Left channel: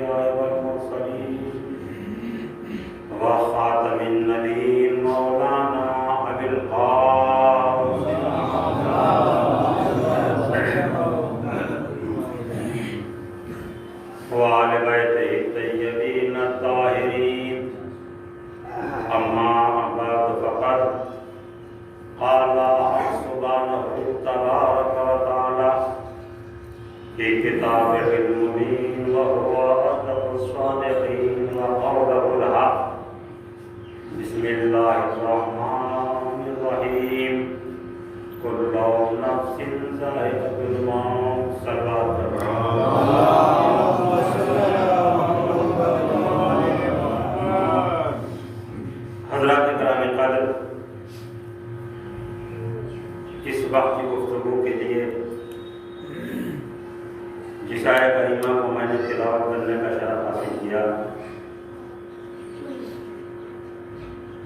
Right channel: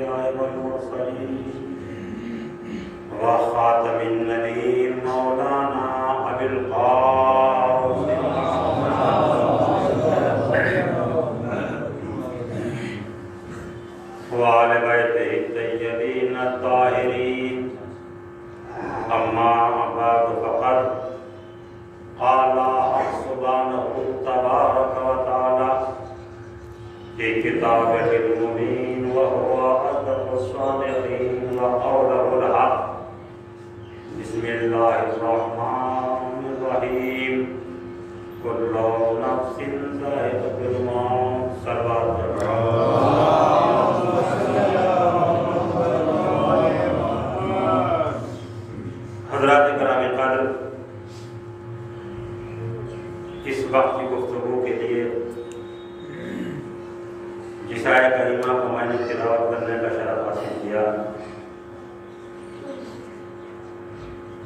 الأنبياء والمرسلين وخاتم النبيين مولانا أبي القاسم وآل بيته الطيبين الطاهرين أما بعد فقد قال سبحانه تبارك وتعالى في كتابه المبين وهو أصدق الصادقين وقوله الحق بسم الله الرحمن الرحيم كل نفس ذائقة الموت صلوات حضرات کرام قدر، اس وقت کی گفتگو کے لیے جس آیہ کریمہ کو میں نے تلاوت کرنے کا شرف حاصل کیا،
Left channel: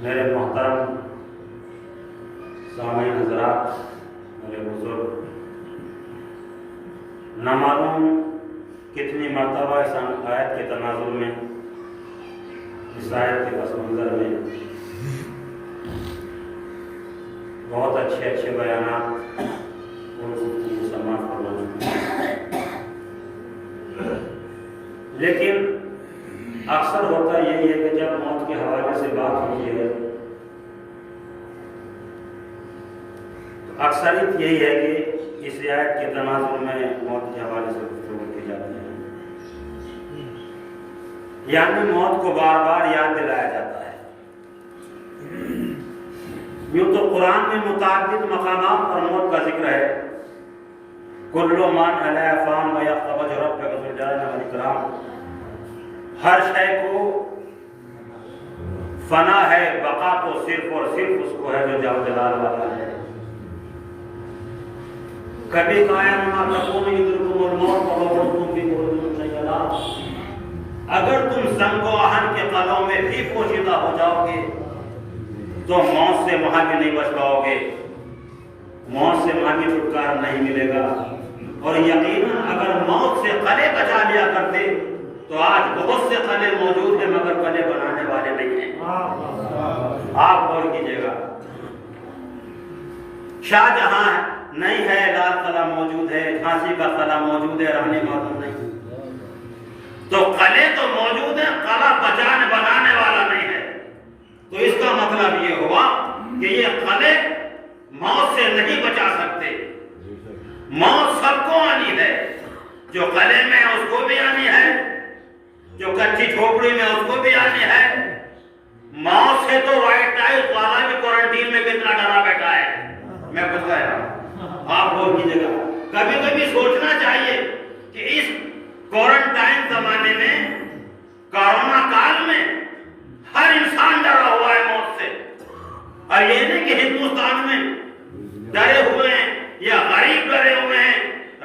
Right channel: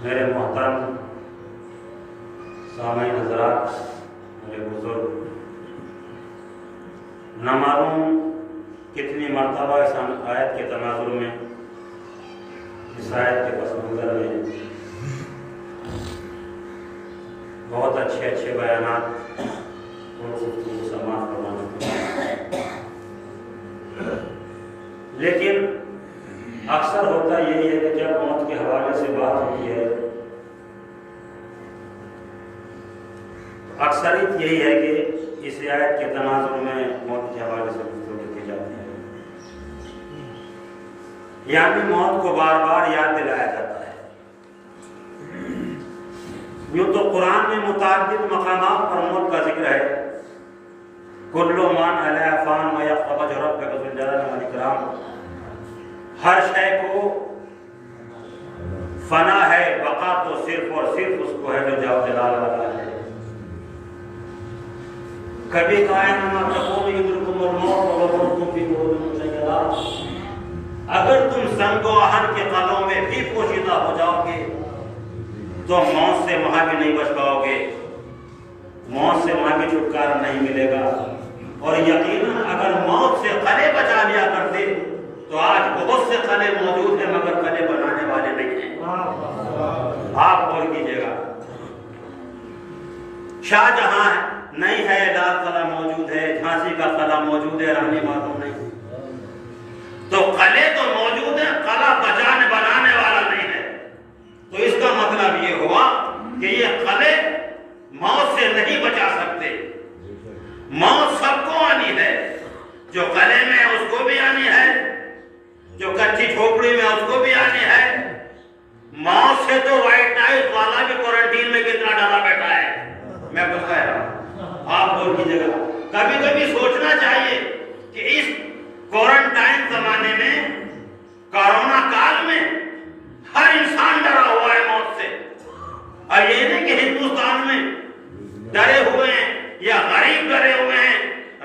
میرے محترم سامعین حضرات، میرے بزرگ، نہ معلوم کتنی مرتبہ اس آیت کے تناظر میں، اس آیت کے پس منظر میں بہت اچھے بیانات اور گفتگو سماعت فرما چکے ہیں، لیکن اکثر ہوتا یہی ہے کہ جب موت کے حوالے سے بات ہوتی ہے تو اکثریت یہی ہے کہ اس آیت کے تناظر میں موت کے حوالے سے گفتگو کی جاتی ہے، یعنی موت کو بار بار یاد دلایا جاتا ہے۔ یوں تو قرآن میں متعدد مقامات پر موت کا ذکر ہے، کل من علیہ فان ویبقی وجہ ربک ذو الجلال والاکرام، ہر شے کو فنا ہے، بقا تو صرف اور صرف اس کو ہے جو جلال والا ہے۔ کبھی قائم ما تکون یدرکم الموت وَلَوْ كُنْتُمْ فِی بُرُوجٍ مُشَیَّدَةٍ، اگر تم سنگ و آہن کے قلعوں میں بھی پوشیدہ ہو جاؤ گے تو موت سے وہاں بھی نہیں بچ پاؤ گے، موت سے وہاں بھی چھٹکارا نہیں ملے گا۔ اور یقیناً اگر موت سے قلعے بچا لیا کرتے تو آج بہت سے قلعے موجود ہیں مگر قلعے بنانے والے نہیں ہیں۔ آپ غور کیجئے گا، شاہ جہاں نہیں ہے لال قلعہ موجود ہے، جھانسی کا قلعہ موجود ہے، رانی معلوم نہیں، تو قلعے تو موجود ہیں، قلعہ بنانے والا نہیں ہے۔ تو اس کا مطلب یہ ہوا کہ یہ قلعے موت سے نہیں بچا سکتے، موت سب کو آنی ہے، جو قلعے میں ہے اس کو بھی آنی ہے، جو کچی جھوپڑی میں اس کو بھی آنی ہے۔ موت سے تو وائٹ ٹائپ والا بھی کوارنٹین میں کتنا ڈرا بیٹھا ہے، میں کچھ کہہ رہا ہوں، آپ غور کیجئے گا۔ کبھی کبھی سوچنا چاہیے کہ اس کوارنٹائن زمانے میں، کورونا کال میں ہر انسان ڈرا ہوا ہے موت سے، اور یہ نہیں کہ ہندوستان میں ڈرے ہوئے ہیں یا غریب ڈرے ہوئے ہیں،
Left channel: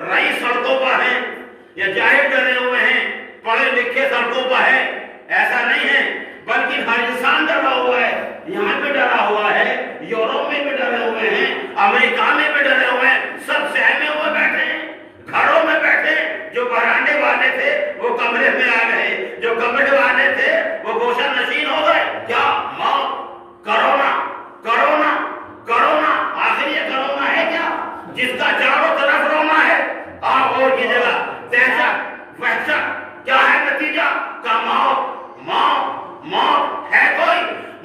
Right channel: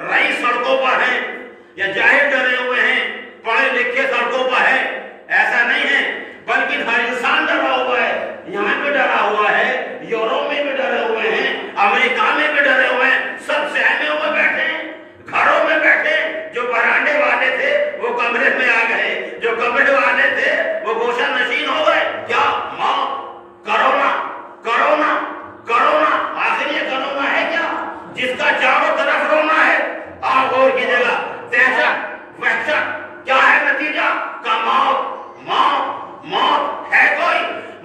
رئیس سڑکوں پر ہیں یا جاہل ڈرے ہوئے ہیں، پڑھے لکھے سڑکوں پر ہے، ایسا نہیں ہے، بلکہ ہر انسان ڈرا ہوا ہے۔ یہاں بھی ڈرا ہوا ہے، یورپ میں بھی ڈرے ہوئے ہیں، امریکہ میں بھی ڈرے ہوئے ہیں، سب سہمے ہوئے بیٹھے ہیں، گھروں میں بیٹھے، جو برانڈے والے تھے وہ کمرے میں آ گئے، جو کمرے والے تھے وہ گوشہ نشین ہو گئے۔ کیا موت، کرونا، کرونا، کرونا، آخر یہ کرونا ہے کیا جس کا چاروں طرف رونا ہے؟ آپ غور کیجئے گا، دہشت، وحشت، کیا ہے نتیجہ کا موت، موت، موت ہے کوئی؟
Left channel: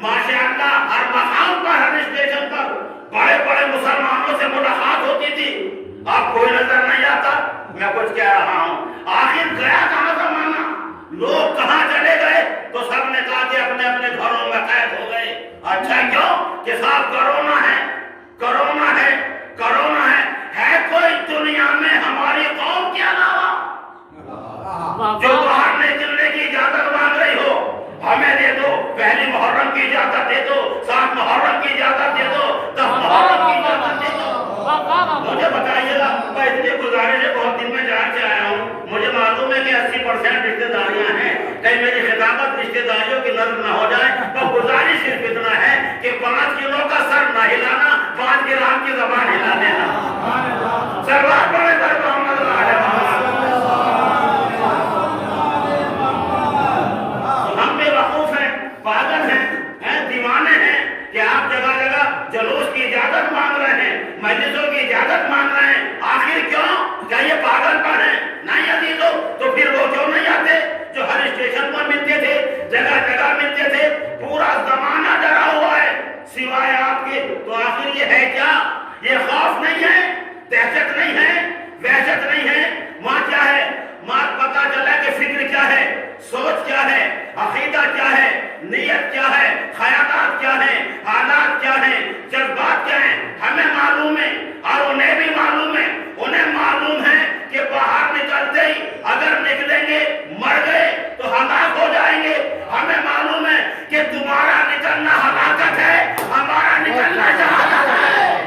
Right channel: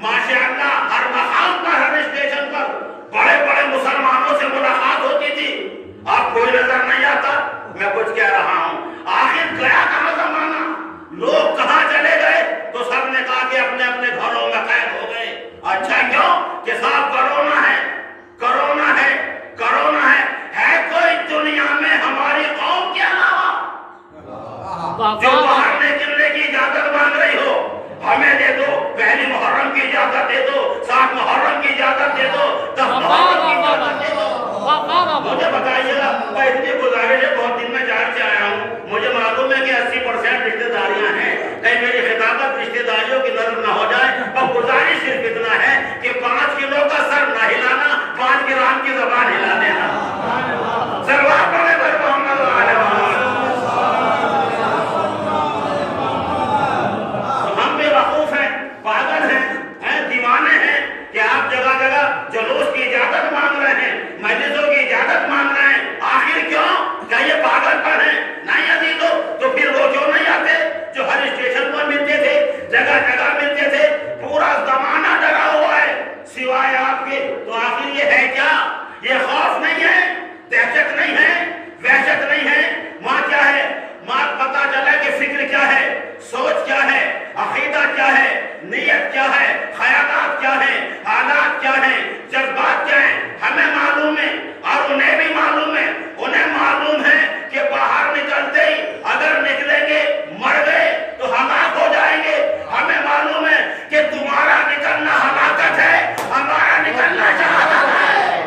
ماشاءاللہ ہر مقام پر، ہر اسٹیشن پر بڑے بڑے مسلمانوں سے ملاقات ہوتی تھی، آپ کوئی نظر نہیں آتا؟ میں کچھ کہہ رہا ہوں، آخر گیا کہاں زمانہ؟ لوگ کہاں چلے گئے؟ تو سب نے کہا کہ اپنے اپنے گھروں میں قید ہو گئے۔ اچھا کیوں؟ کہ صاحب کرونا ہے، کرونا ہے، کرونا ہے کوئی دنیا میں ہماری قوم کے علاوہ جو باہر نکلنے کی اجازت مانگ رہی ہو؟ ہمیں دے دو، پہلی محرم کی اجازت دے دو، 7 محرم کی اجازت دے دو، 10 محرم کی اجازت دے دو۔ مجھے بتائیے گا، میں اتنی گزارش ہے، بہت دن میں جان کے آیا ہوں، مجھے معلوم ہے کہ 80% رشتہ داریاں ہیں، کہیں میری خطابت رشتہ داریوں کی نظر نہ ہو جائے، اور گزارش صرف اتنا ہے کہ 5 کلو کا سر نہ ہلانا، 5 گرام کی زبان ہلا دینا۔ سلوات پڑھیں پر محمد علیہ وسلم۔ پاگل ہیں دیوانے ہیں کہ آپ جگہ جگہ جلوس کی اجازت مانگ رہے ہیں، مجلسوں کی اجازت مانگ رہے ہیں، آخر کیوں؟ کیا یہ پاگل پر ہیں؟ نہیں عزیزو، تو پھر وہ کیوں نہیں آتے جو ہر اسٹیشن پر ملتے تھے، جگہ جگہ ملتے تھے؟ پورا زمانہ ڈرا ہوا ہے سوائے آپ کے، تو آخر یہ ہے کیا؟ یہ خوف نہیں ہے، دہشت نہیں ہے، وحشت نہیں ہے، وہاں کیا ہے؟ وہاں پتا چلا کہ فکر کیا ہے، سوچ کیا ہے، عقیدہ کیا ہے، نیت کیا ہے، خیالات کیا ہے، حالات کیا ہیں، جذبات کیا ہیں، ہمیں معلوم ہے اور انہیں بھی معلوم ہے۔ انہیں معلوم ہے کہ باہر نکلتے ہی اگر نکلیں گے مر گئے تو ہلاک ہو جائیں گے۔ ہمیں معلوم ہے کہ تمہارا نکلنا ہلاکت ہے، ہمارا نکلنا شہادت ہے۔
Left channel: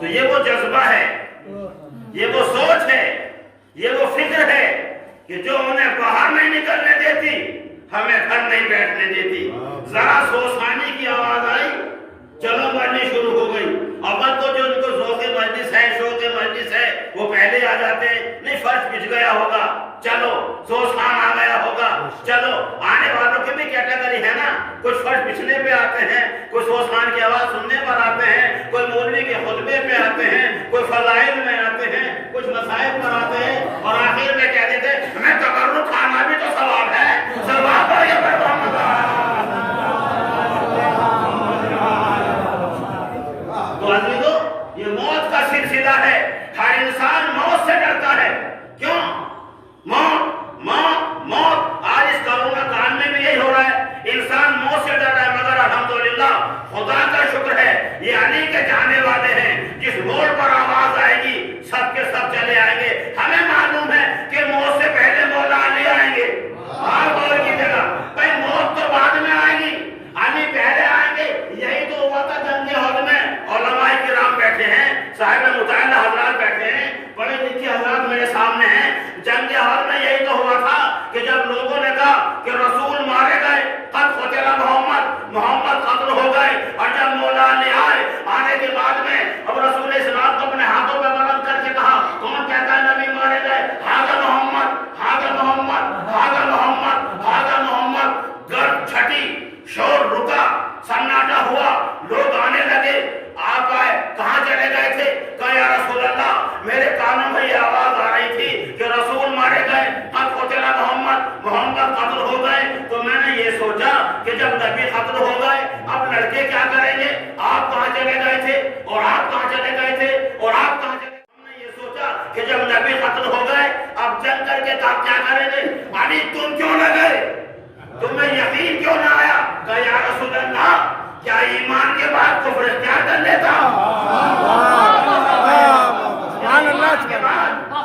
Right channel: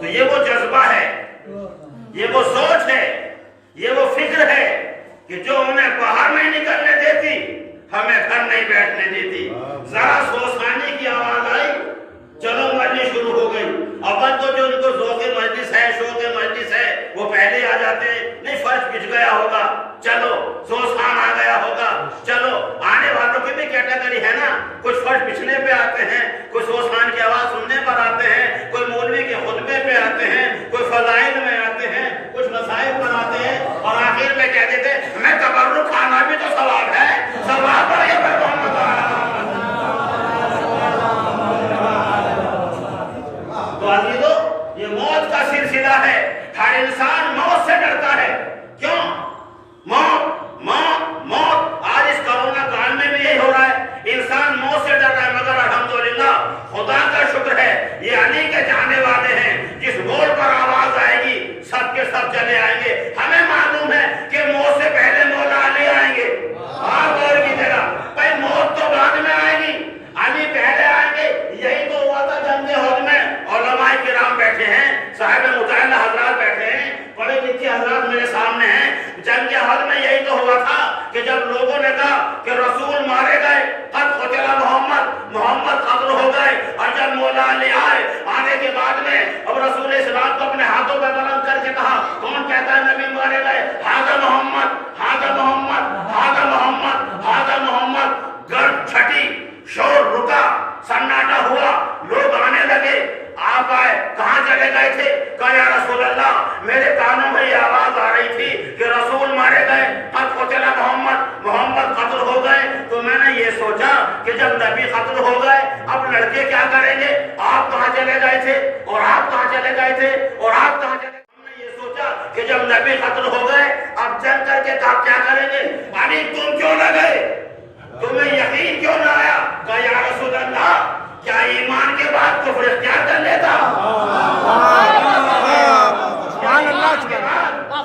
تو یہ وہ جذبہ ہے، یہ وہ سوچ ہے، یہ وہ فکر ہے کہ جو انہیں باہر نہیں نکلنے دیتی ہمیں گھر نہیں بیٹھنے دیتی۔ ذرا سوسانی کی آواز آئی، چلو مجلس شروع ہو گئی۔ اول تو جو ان کو ذوق مجلس ہے، شوق مجلس ہے، وہ پہلے آ جاتے ہیں، نہیں فرش بچھ گیا ہوگا، چلو سوسان آ گیا ہوگا، چلو۔ آنے والوں کی بھی کیٹیگری ہے نا، کچھ فرش بچھنے پہ آتے ہیں، کوئی سوسان کی آواز سننے پر آتے ہیں، کوئی مولوی کے خطبے پہ آتے ہیں، کوئی فضائل میں آتے ہیں، کچھ مسائل پر آتے ہیں، اور آخر میں کہہ دیتے ہیں ہمیں تبرک کھانا بھی تو ثواب ہے، ثواب پر یہ محمد تو عزیزو، یہ موت کا سلسلہ ہے۔ ہر انسان موت سے ڈرتا ہے۔ کیوں؟ موت موت موت۔ آج اس کرونا کال میں بھی یہی ہو رہا ہے، انسان موت سے ڈر رہا ہے، مگر الحمدللہ خدا کا شکر ہے یہ علی کے جانے والے ہیں، جس موڑ پر آواز آئے گی سب کے سب چلے آئیں گے۔ ہمیں معلوم ہے کہ موت سے پہلے مولا علی آئیں گے۔ آپ غور کیجیے گا، بھائی موت تو بعد میں آئے گی، علی پہلے آئیں گے۔ یہی تو ہوا تھا جنگ احد میں، علماء کرام بیٹھے ہیں، صاحب مطالعہ حضرات بیٹھے ہیں، پڑھے لکھے حضرات میرے سامنے ہیں۔ جنگ احد میں یہی تو ہوا تھا کہ جب لوگوں نے کہا کہ رسول مارے گئے، قد قتل محمد قتل ہو گئے، اور جب مولا علی آنے کے بعد میں اب رسول اسلام کو اپنے ہاتھوں پر بلند کر کے کہا، کون کہتا ہے نبی مارے گئے؟ ہاذا محمد، ہاذا محمد، ہاذا محمد، ہاذا محمد۔ گرد چھٹی، شور رکا، سناٹا ہوا، لوگ آنے لگے۔ آپ آئے، کہاں چلے گئے تھے؟ کہا یا رسول اللہ میرے کانوں میں یہ آواز آ رہی تھی کہ رسول مارے گئے، قد قتل محمد قتل ہو گئے، تو میں نے یہ سوچا کہ جب نبی قتل ہو گئے اب لڑکے کیا کریں گے؟ آپ کہاں چلے گئے تھے اور آپ کہاں چلے گئے تھے اور آپ کہاں چلے گئے؟ ہم نے یہ سوچا کہ جب نبی قتل ہو گئے اب جنگ کر کے آپ کیا کریں گے؟ علی تم کیوں نہ گئے؟ تمہیں یقین کیوں نہ آیا؟ کہا یا رسول اللہ کیا ایمان کے بعد کفر اختیار کر لیتا؟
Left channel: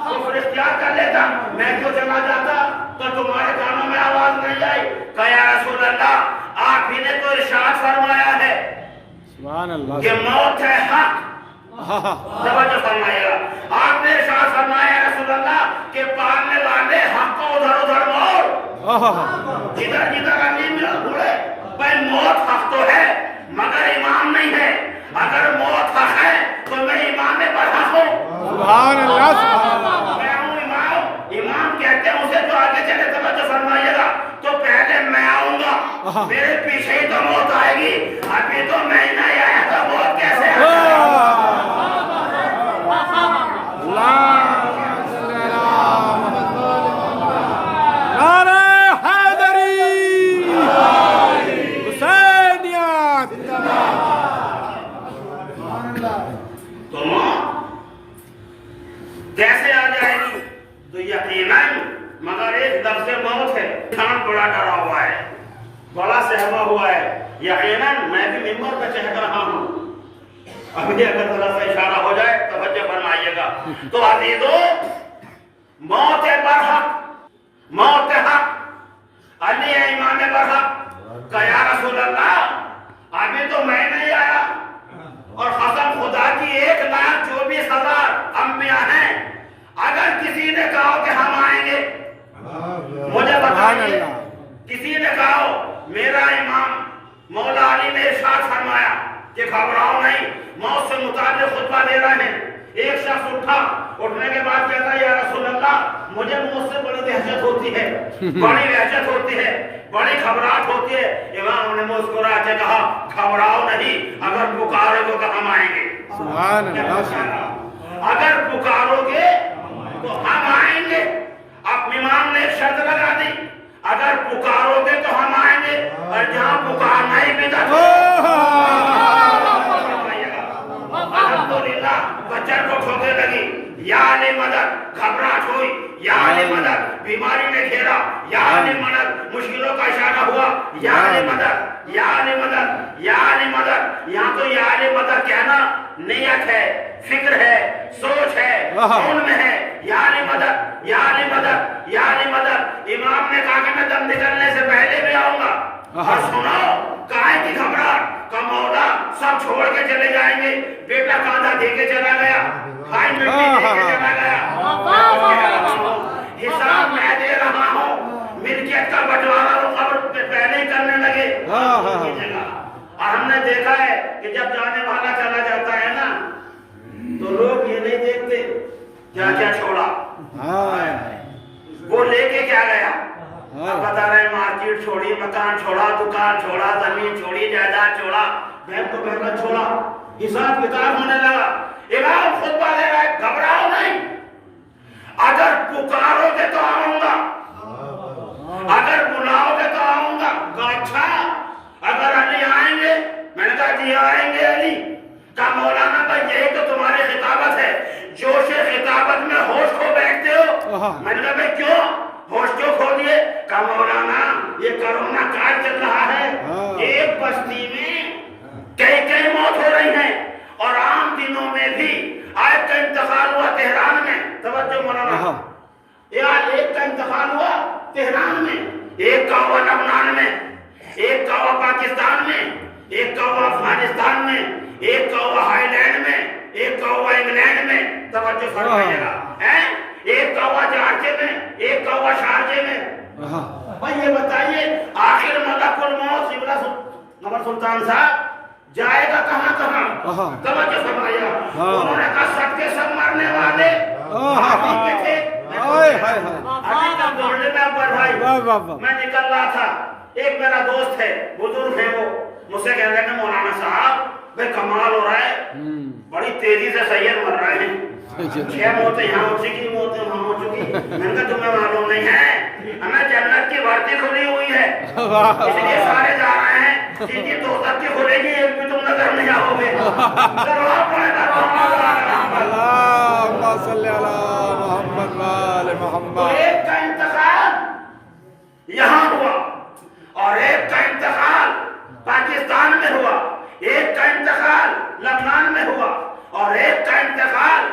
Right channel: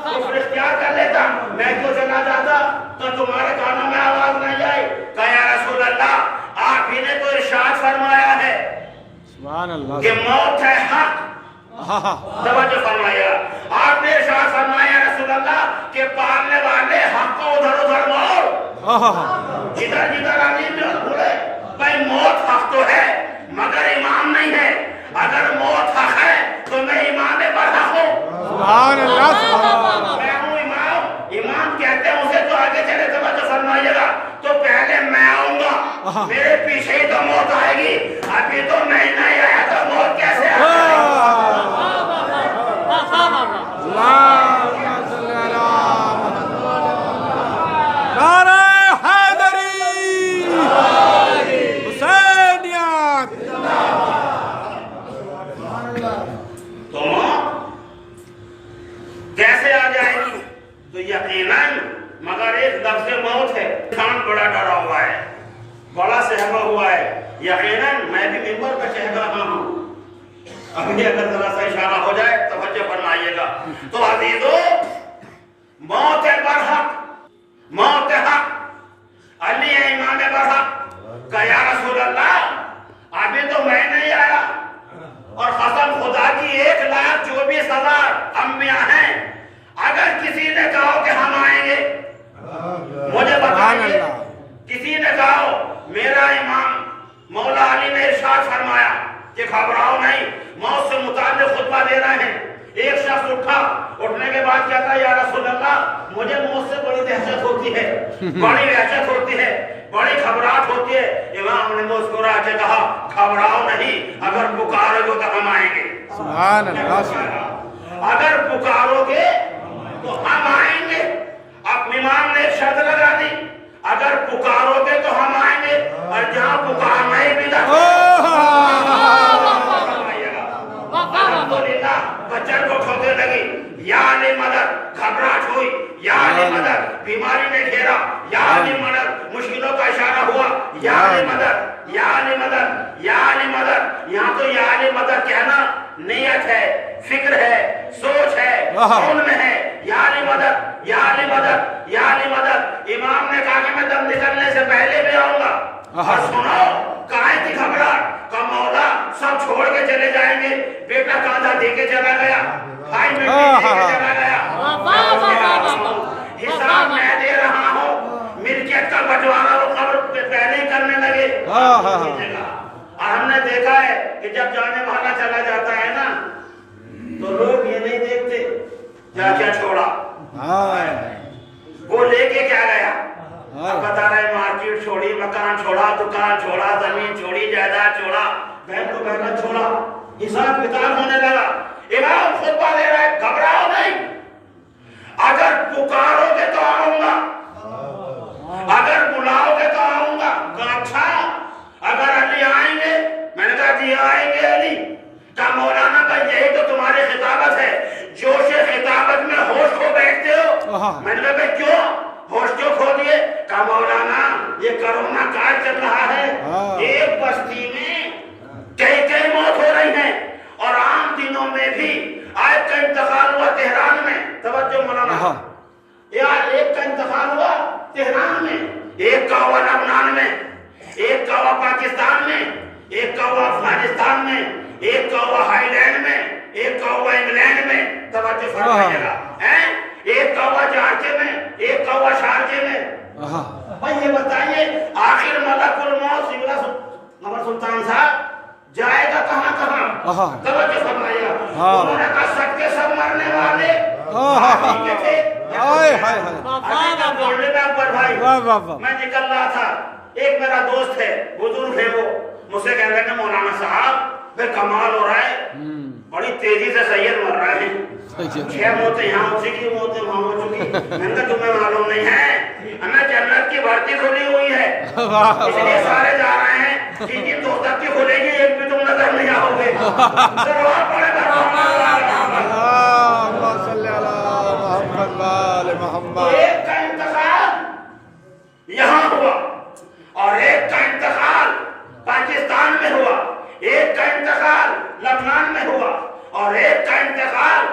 کفر اختیار کر لیتا، میں کیوں چلا جاتا؟ تو تمہارے کانوں میں آواز نہیں آئی؟ کہا یا رسول اللہ آپ ہی نے تو ارشاد فرمایا ہے کہ موت ہے حق۔ توجہ فرمائیے گا، آپ نے ارشاد فرمایا رسول اللہ کہ پالنے والے حق کو ادھر ادھر موڑ، جدھر جدھر علی میں اڑے۔ بھائی موت حق تو ہے مگر امام نہیں ہے۔ اگر موت حق ہے تو میں امام برحق ہوں۔ سبحان اللہ، سبحان اللہ۔ میں ہوں امام۔ امام کہتے ہیں اسے جو آگے چلے، توجہ فرمائیے گا، تو پہلے میں آؤں گا، میرے پیچھے ہی تو موت آئے گی۔ ابھی تو میں نہیں آیا تو موت کیسے آئے گی؟ نعرہ حیدری، حسینیت۔ تو موت کیسے آ جائے گی؟ تو یقیناً مگر ایک لفظ موت ہے، انسان بڑا ڈرا ہوا ہے، بڑا سہما ہوا ہے۔ یقیناً میں بھی ممبر پہ کہہ رہا ہوں، ابھی اگر ذرا سا اشارہ ہو جائے توجہ فرمائیے گا۔ تو عزیزو، موت برحق، موت حق، علی ہے امام برحق۔ کہا یا رسول اللہ ابھی تو میں نہیں آیا، اور قسم خدا کی 1,24,000 انبیاء ہیں، اگر کسی نے کہا کہ ہم آئیں گے مجھے بتائیے، کسی نے کہا میرا امام مولا علی نے ارشاد فرمایا کہ گھبراؤ نہیں، موت سے متعلق خطبہ دے رہے ہیں۔ ایک شخص اٹھا، اٹھنے کے بعد کہتا یا رسول اللہ مجھے موت سے بڑی دہشت ہوتی ہے، بڑی وحشت ہوتی ہے، بڑی گھبراہٹ ہوتی ہے۔ امام نے مسکرا کے کہا گھبراؤ نہیں، اگر پکارو گے تو ہم آئیں گے۔ سبحان اللہ، اگر پکارو گے تو ہم آئیں گے۔ اب امام نے ایک شرط لگا دی، اگر پکارو گے تو ہم آئیں گے، اور جہاں پکارنا ہی بدعت الحمدللہ بچر کو ٹھوکے لگی، یا علی مدد، گھبراہٹ ہوئی، یا علی مدد، بیماری نے گھیرا، یا علی مدد، مشکلوں کا اشارہ ہوا، یا علی مدد، یا علی مدد، یا علی مدد۔ یہاں تو یا علی مدد کہنا نیت ہے، فکر ہے، سوچ ہے، کون میں ہے، یا علی مدد، یا علی مدد، یا علی مدد۔ امام نے کہا کہ میں دم نکلنے سے پہلے بھی آؤں گا، اور سنو کائے کی گھبراہٹ کا مولا سب چھوڑ کے چلے جائیں گے۔ بیٹا کاندھا دے کے چلا گیا، بھائی مٹی دے کے چلا گیا، حساب میں دے رہا ہوں، ملکیت کا بٹوارا وہ قبر پہ پہلے ہی کرنے لگے۔ اور ہم نے دیکھا ہے کہ جب جانے والا چلا جاتا ہے نا تو لوگ یہ نہیں دیکھتے کیا کیا چھوڑا، وہ لے کے کیا گیا۔ اب بتا رہے مارکیٹ چھوڑی، مکان چھوڑا، دکان چھوڑا، زمین چھوڑی، جائیداد چھوڑا، بہن کو بہن چھوڑا، حساب کتاب ہونے لگا۔ امام خطبہ دے رہا ہے گھبراؤ نہیں، اگر پکارو گے تو آؤں گا، اگر بلاؤ گے تو آؤں گا۔ کہا اچھا اگر علی آئیں گے؟ میں نے کہا جی آئیں گے علی۔ کہا مولانا بھائی یہی تو تمہاری خطابت ہے، جوش خطابت میں ہوش کھو بیٹھتے ہو۔ میں نے کہا بھائی کیوں ہوش کیوں کھو دیے؟ کہا مولانا یہ کرونا کال چل رہا ہے، ایک بستی میں کئی موت ہو رہی ہیں، اور عام دنوں میں بھی آج کا انتقال ہوا تہران میں، توجہ مولانا، ایک کا انتقال ہوا تہران میں، ایک کا ہوا لبنان میں، ایک کا ہوا پاکستان میں، ایک کا ہوا افغانستان میں، ایک کا ہوا ہائی لینڈ میں، ایک کا ہوا انگلینڈ میں، توجہ فرمائیے گا، ایک کا ہوا جارجے میں، ایک کا ہوا شارجے میں۔ بھائی یہ بتائیے آخر ملک الموت قمر سلطان صاحب جائے گا کہاں کہاں؟ توجہ فرمائیے گا۔ انہوں نے کہا سب کے سب مرنے والے علی کے تھے۔ علی کا دوڑنے میں اکبر بھائی میں نکل رہا تھا، ایک میرا دوست ہے، بزرگ ہے، وہ مجھ سے کہنے لگے مولانا صاحب بے کمال ہو رہا ہے، بڑی تیزی سے سید مر رہے ہیں، 6 موتیں یہاں ہو چکی، موتیں وہاں ہو چکی۔ میں نے کہا تمہیں معلوم نہیں ہے ہمیں جنت کی بھرتی کھلی ہوئی ہے، اس لیے سارے جا رہے ہیں، جن کی دوزخ کی کھلے گی ایک بھی تم نظر نہیں آؤ گے۔ اللہم صلی علی محمد وآل محمد۔ ایک کا انتقال یہاں ہوا، اور ایک کا انتقال پاکستان میں ہوا، ایک کا انتقال لبنان میں ہوا، اور ایک کا انتقال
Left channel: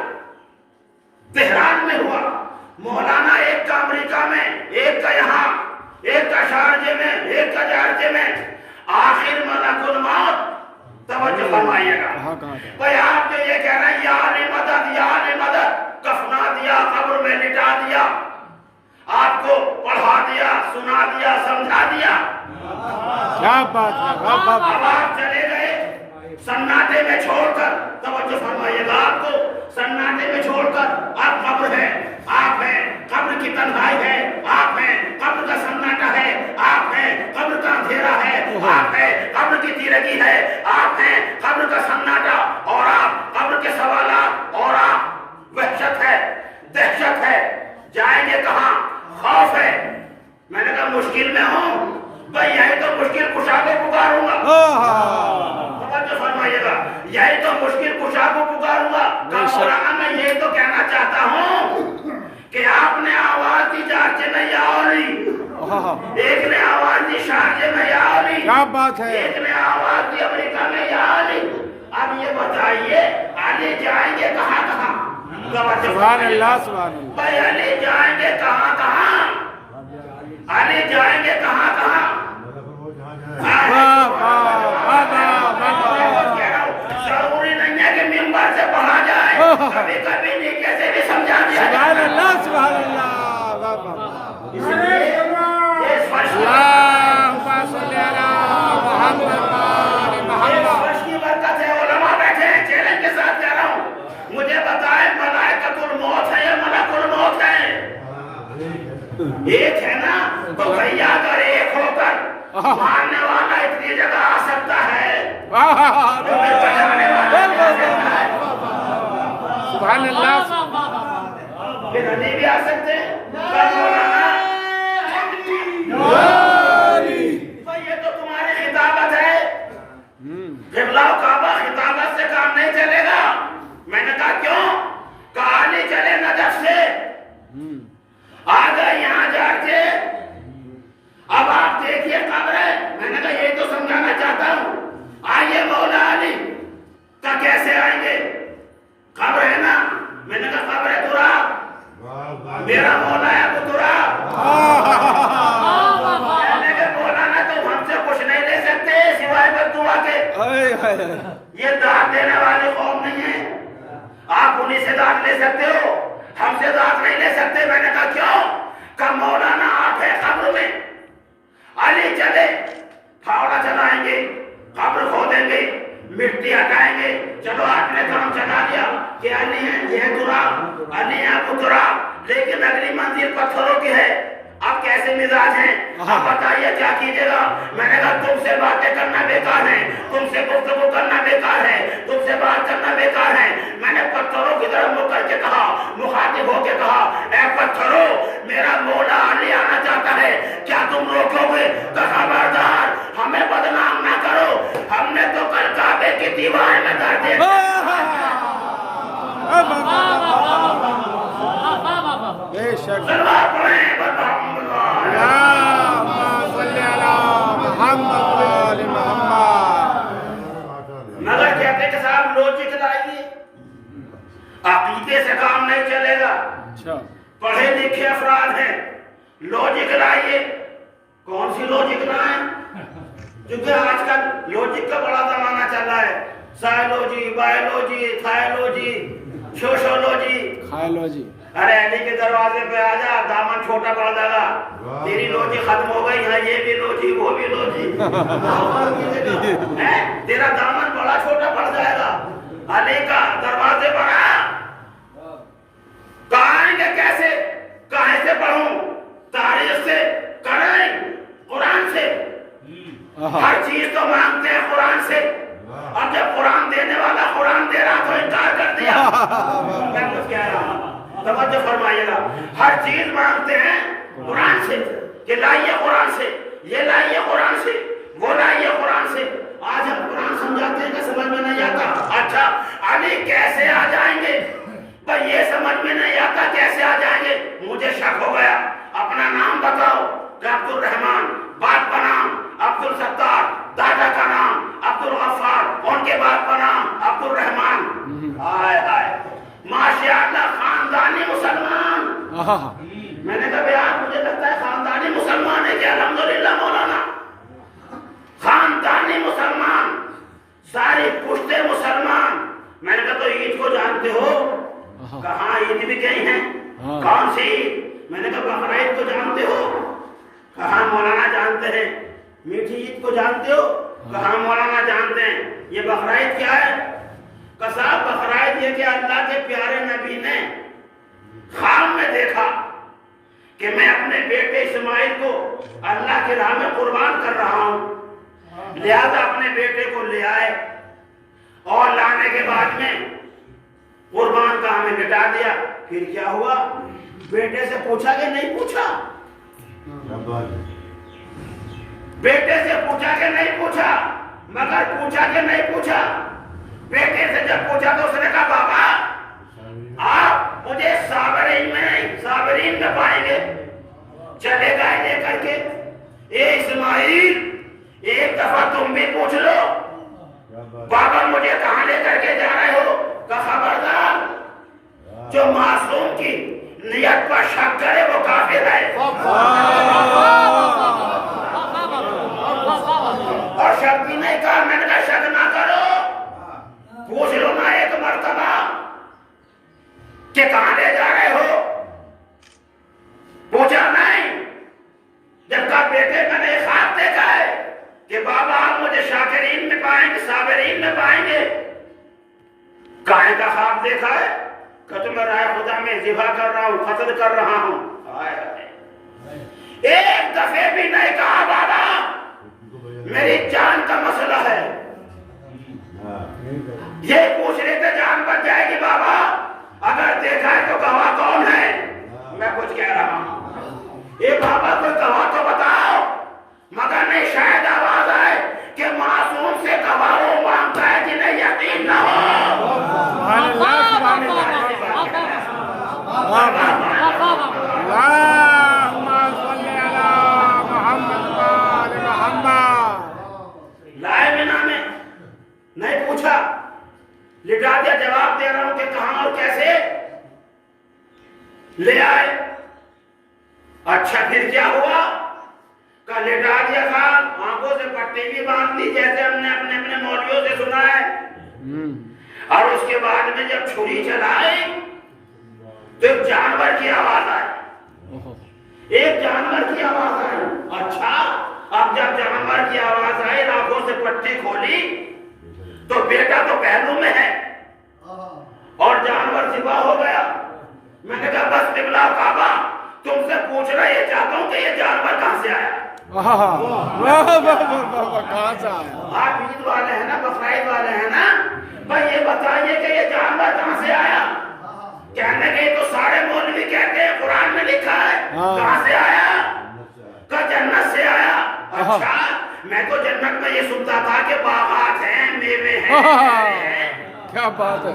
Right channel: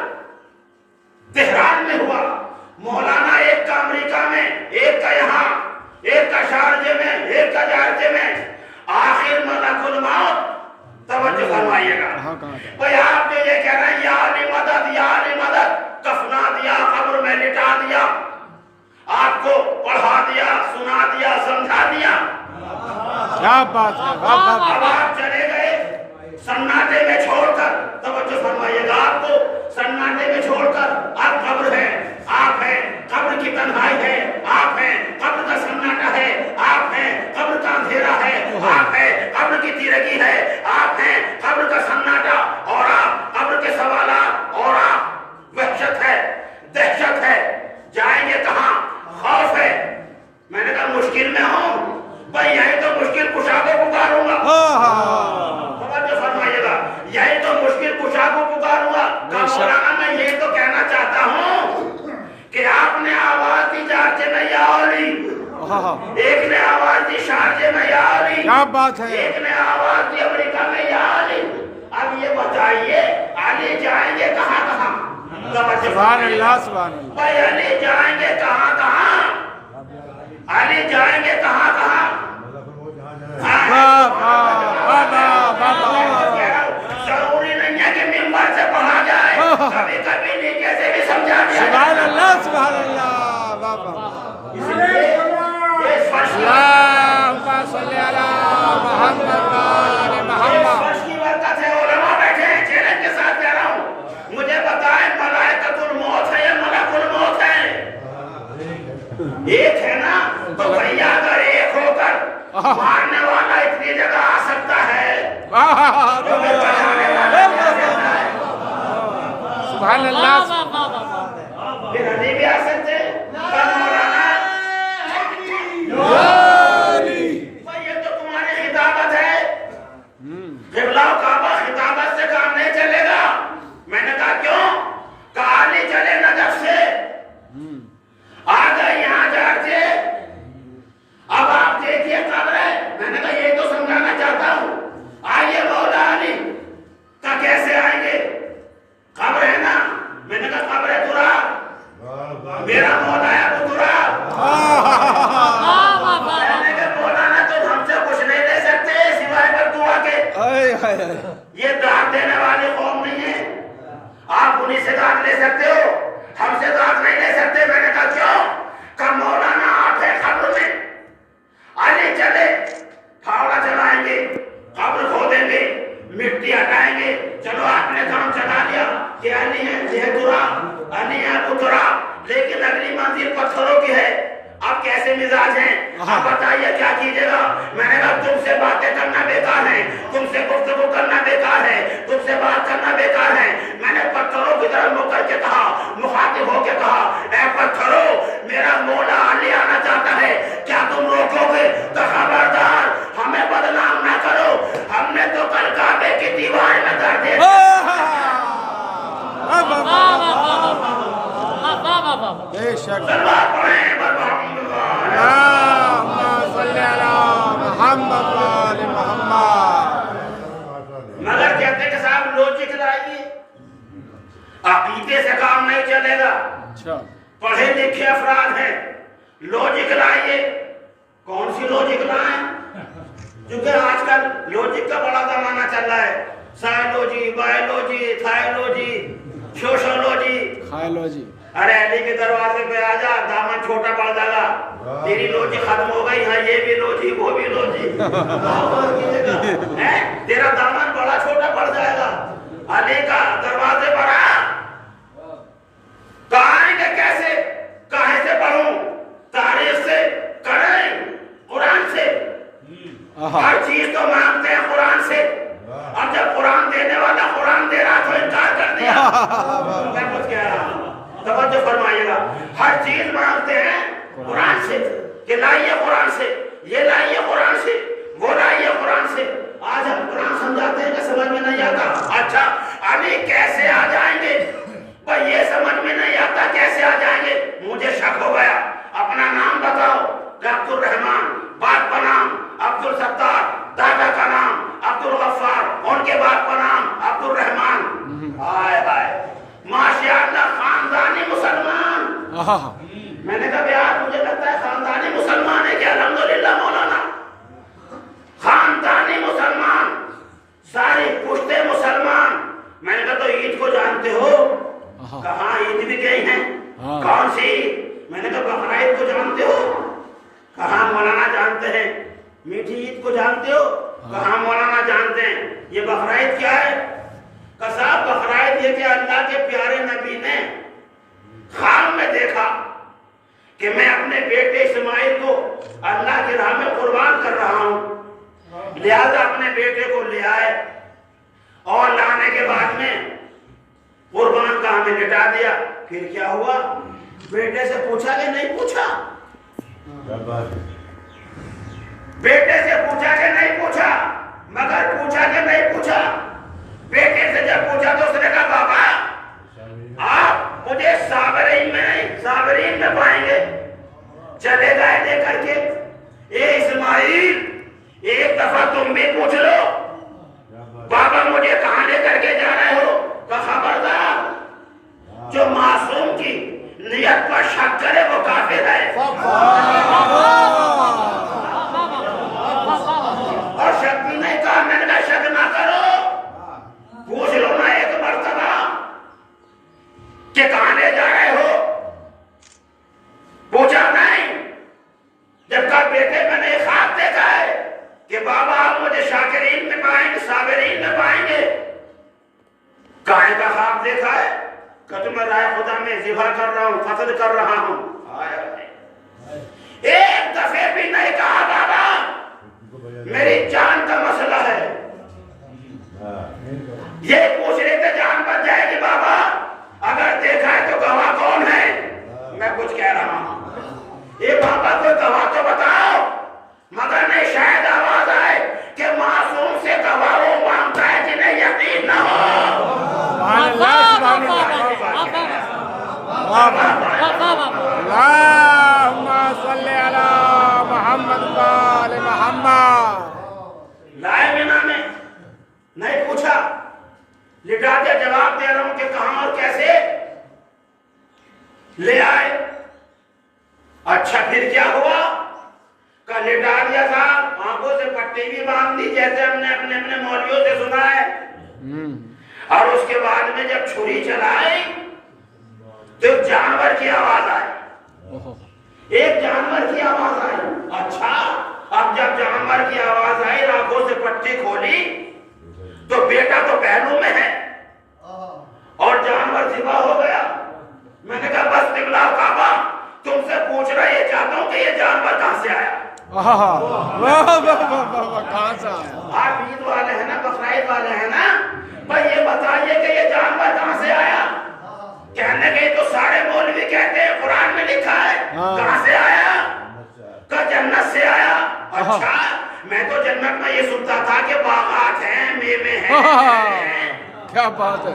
تہران میں ہوا۔ مولانا ایک کا امریکہ میں، ایک کا یہاں، ایک کا شارجے میں، ایک کا جارجے میں۔ آخر ملک الموت، توجہ فرمائیے گا بھئی آپ جو یہ کہہ رہے ہیں یا علی مدد، یا علی مدد، کفنا دیا، قبر میں لٹا دیا، آپ کو پڑھا دیا، سنا دیا، سمجھا دیا، کیا بات ہے، اب آپ چلے گئے سناٹے میں چھوڑ کر، توجہ فرمائیے گا، آپ کو سناٹے میں چھوڑ کر، آپ قبر ہے، آپ ہیں، قبر کی تنہائی ہے، آپ ہیں، قبر کا سناٹا ہے، آپ ہیں، قبر کا اندھیرا ہے، آپ ہیں، قبر کی تیرگی ہے، آپ ہیں، قبر کا سناٹا، اور آپ قبر کے سوالات، اور آپ وحشت ہے، دہشت ہے، جائیں گے کہاں؟ خوف ہے۔ میں نے کہا مشکل میں ہوں بھائی یہی تو مشکل کشا کو پکاروں گا، توجہ فرمائیے گا، یہی تو مشکل کشا کو پکاروں گا۔ مولانا میں یہ تو کہنا چاہتا ہوں کہ آپ نے آواز دی جارجے میں یا علی، ایک نے آواز دی شارجے میں یا علی، کیا بات ہے، ایک نے آواز دی امریکہ میں یا علی۔ اب یہ بتائیے علی جائیں گے کہاں کہاں؟ سبحان اللہ، سبحان اللہ۔ بھائی علی جائیں گے کہاں کہاں؟ علی جائیں گے کہاں کہاں؟ ضروری نہیں ہے کہ ممبر سے پڑھا جائے، کبھی کبھی نیچے سے بھی سمجھا دیا جائے۔ سبحان اللہ، سبحان اللہ، اس لیے یہ فرش اللہم صلی علی محمد وآل محمد۔ کی برکت ایک ہے نا تو بھیا اگر ایک ہو کر مارنے والا اتنی جگہ آ سکتا ہے تو پھر بچانے والا سبحان اللہ پھر علی بھی آ سکتے کل مولانا بھائی یہ تو تمہاری خطابت ہے قبلہ و کعبہ خطابت سے کام نہیں چلے گا. میں نے کہا کیوں؟ کہا نہیں چلے نجف سے آ گئے یہاں جا کے اب آپ دیکھیے قبر ہے. میں نے کہا یہ تو سمجھانا چاہتا ہوں آئیے مولا علی کا کیسے آئیں گے؟ قبر ہے نا. میں نے کہا قبر ہے تراب میرا مولا ہے ابو تراب. میں نے کہا مولانا تم ہم سے کچھ نہیں لے سکتے سوائے بددعا کے. یہ داد دینے والے قوم نہیں ہیں. آپ انہیں سے داد لے سکتے ہو ہم سے داد نہیں لے سکتے. میں نے کہا کیوں؟ کہ مولانا آپ ہے قبر میں علی چلے پھاوڑا چلائیں گے قبر کھودیں گے مٹی ہٹائیں گے. چلو آپ نے کام چلا لیا کہ علی ہے یہ تراب علی ہے ابو تراب لیکن اگلی منزل پتھروں کی ہے. اب کیسے مزاج ہیں آپ بتائیے کیا کیجئے گا؟ میں نے کہا تم سے باتیں کرنا بیکار ہے تم سے گفتگو کرنا بیکار ہے تم سے بات کرنا بیکار ہے. میں نے پتھروں کی طرف منہ کر کے کہا مخاطب ہو کے کہا اے پتھروں میرا مولا علی آنا چاہتا ہے کیا تم روکو گے؟ تو خبردار ہمیں بدنام نہ کرو ہم نے تو کل کعبے کی دیوار میں درد ہے. بے شک سلوات پڑھیں برحمد اللہ. اللہم صلی علی محمد و آل محمد. مگر کہتے کہ صاحب لوجک لائیے عقیدے سے کام نہیں چلے گا. اچھا پڑھے لکھے افراد ہیں لوجک لائیے. کون سی لوجک لائیں؟ کیونکہ آج کل لوجک کا بڑا زمانہ چل رہا ہے. سائیلوجی بائیولوجی تھائیلوجی سوشولوجی. خائلوجی ارے علی کے دروازے پہ آ جا دامن چھوٹا پڑ جائے گا تیری لوجی ختم ہو گئی ہے. یہ بھی لوجی وہ بھی لوجی تیرا دامن بڑا چھوٹا پڑ جائے گا. علی کا دروازے پر آ کہاں آئیں گے کیسے کہاں سے پڑھوں تاریخ سے کریں قرآن سے. ہر چیز تو مانگتے ہیں قرآن سے. اب جب قرآن دینے والا قرآن دے رہا تو انکار کر دیا. میں کچھ کہہ رہا ہوں توجہ فرمائیے گا. ہر چیز مانگتے ہیں قرآن سے کہ لائیے قرآن سے یہ لائیے قرآن سے وہ لائیے قرآن سے. آج ہم قرآن سمجھاتے ہیں کہ سمجھ میں نہیں آتا. اچھا علی کیسے آ جائیں گے؟ بھائی یہ سمجھ میں نہیں آتا کیسے آ جائیں گے. مجھے شک ہو گیا. اپنا نام بتاؤ کہ عبد الرحمان باپ کا نام عبد الستار دادا کا نام عبد الغفار ان کے باپ کا نام عبد الرحمان. ہائے ہائے ماشاءاللہ خاندانی مسلمان. میں نے کہا یار مجھے لگتا ہے خاندانی مسلمان ہے کہ الحمدللہ مولانا خاندانی مسلمان ساری پشتے مسلمان. میں نے کہا تو عید کو جانتے ہو؟ کہاں عید بھی گئی ہیں. کون سی عید؟ میں نے کہا بقرعید کو جانتے ہو؟ کہاں مولانا جانتے ہیں. میٹھی عید کو جانتے ہو؟ کہاں مولانا جانتے ہیں. یہ بقرعید کیا ہے؟ کہ صاحب بقرعید یہ کہ اللہ کے پیارے نبی نے خواب میں دیکھا کہ میں اپنے بیٹے اسماعیل کو اللہ کی راہ میں قربان کر رہا ہوں لہذا اپنے بیٹے کو لے آئے اور لانے کے بعد میں قربان کا ہمیں لٹا دیا. پھر کیا ہوا؟ بیٹے سے پوچھا کہ نہیں پوچھا؟ بیٹے سے پوچھا کہ نہیں پوچھا؟ مگر پوچھا کہ نہیں پوچھا؟ بیٹے سے جب پوچھا تو اس نے کہا بابا آپ مجھے صابرین میں پائیں گے. چلے گئے لے کر کے اے اسماعیل ایک دفعہ تم بھی پوچھ لو بابا مجھے کہاں لے کر کے جا رہے ہو؟ کہ خبردار جو معصوم کی نیت پر شک کرے وہ کافر ہے. اور شک بھی نہیں کہا. میں نے کہا شک نہ کرو پوچھ لو نا ایک مرتبہ کہ کہاں لے جا رہے ہو. پوچھا نہیں. جب کہا بیٹے میں نے خواب دیکھا ہے کہ بابا آپ مجھے شاکرین میں پائیں گے صابرین میں پائیں گے. کاہے کا خواب دیکھا ہے؟ کہ تم رائے خدا میں ذبح کر رہا ہوں قتل کر رہا ہوں. ایک دفعے بھی نہیں کہا بابا میری جان کا مسئلہ ہے. یہ پوچھ رہے تھے جان بچ جائے گی بابا, اگر دیکھا ہے تو گواہ کون ہے؟ میں کچھ کہہ رہا ہوں, یہ بابا کوئی گواہ تو بتاؤ. مگر نہیں, شاید آواز آئے کہ معصوم سے گواہ وہ مانگتا ہے جنہیں یقین نہ ہو. سبحان اللہ, سبحان اللہ. اللہم صلی علی محمد و آل محمد. لائے بنا میں نہیں پوچھا, لٹا دیا. جواب دے رہا ہوں کہ کہاں اور کیسے لے آئے. اچھا پھر کیا ہوا؟ کہ لٹا دیا صاحب, آنکھوں سے پٹی بھی باندھ دی جیسے ہم نے اپنے اپنے مولویوں سے سنا ہے. اور اس کے بعد میں جب چھری چلائی تو ایک جانور کی آواز آئی. ایک جانور کی آواز آئی. اچھا, اب جب جانور کی آواز آئی, آنکھوں سے پٹی کھولی تو بیٹا تو پہلو میں ہے اور جانور ذبح ہو گیا. میں نے کہا بس قبلہ کعبہ, تم سے پوچھ رہا یہ چاہتا ہوں کہ یہ جانور کہاں سے آیا؟ کہاں سے آیا؟ آپ عید والے ہیں نا, بقرعید والے ہیں نا, بھائی یہ بتائیے کہ یہ جانور کہاں سے آیا؟ کہنے کہ یہ تو سارے مولوی کہتے ہیں قرآن میں لکھا ہے. کہاں سے آیا؟ کہ جنت سے آیا. اچھا, میں تو جنت میں یہ سنتا تھا کہ باغات ہیں, میوے ہیں, کیا بات ہے,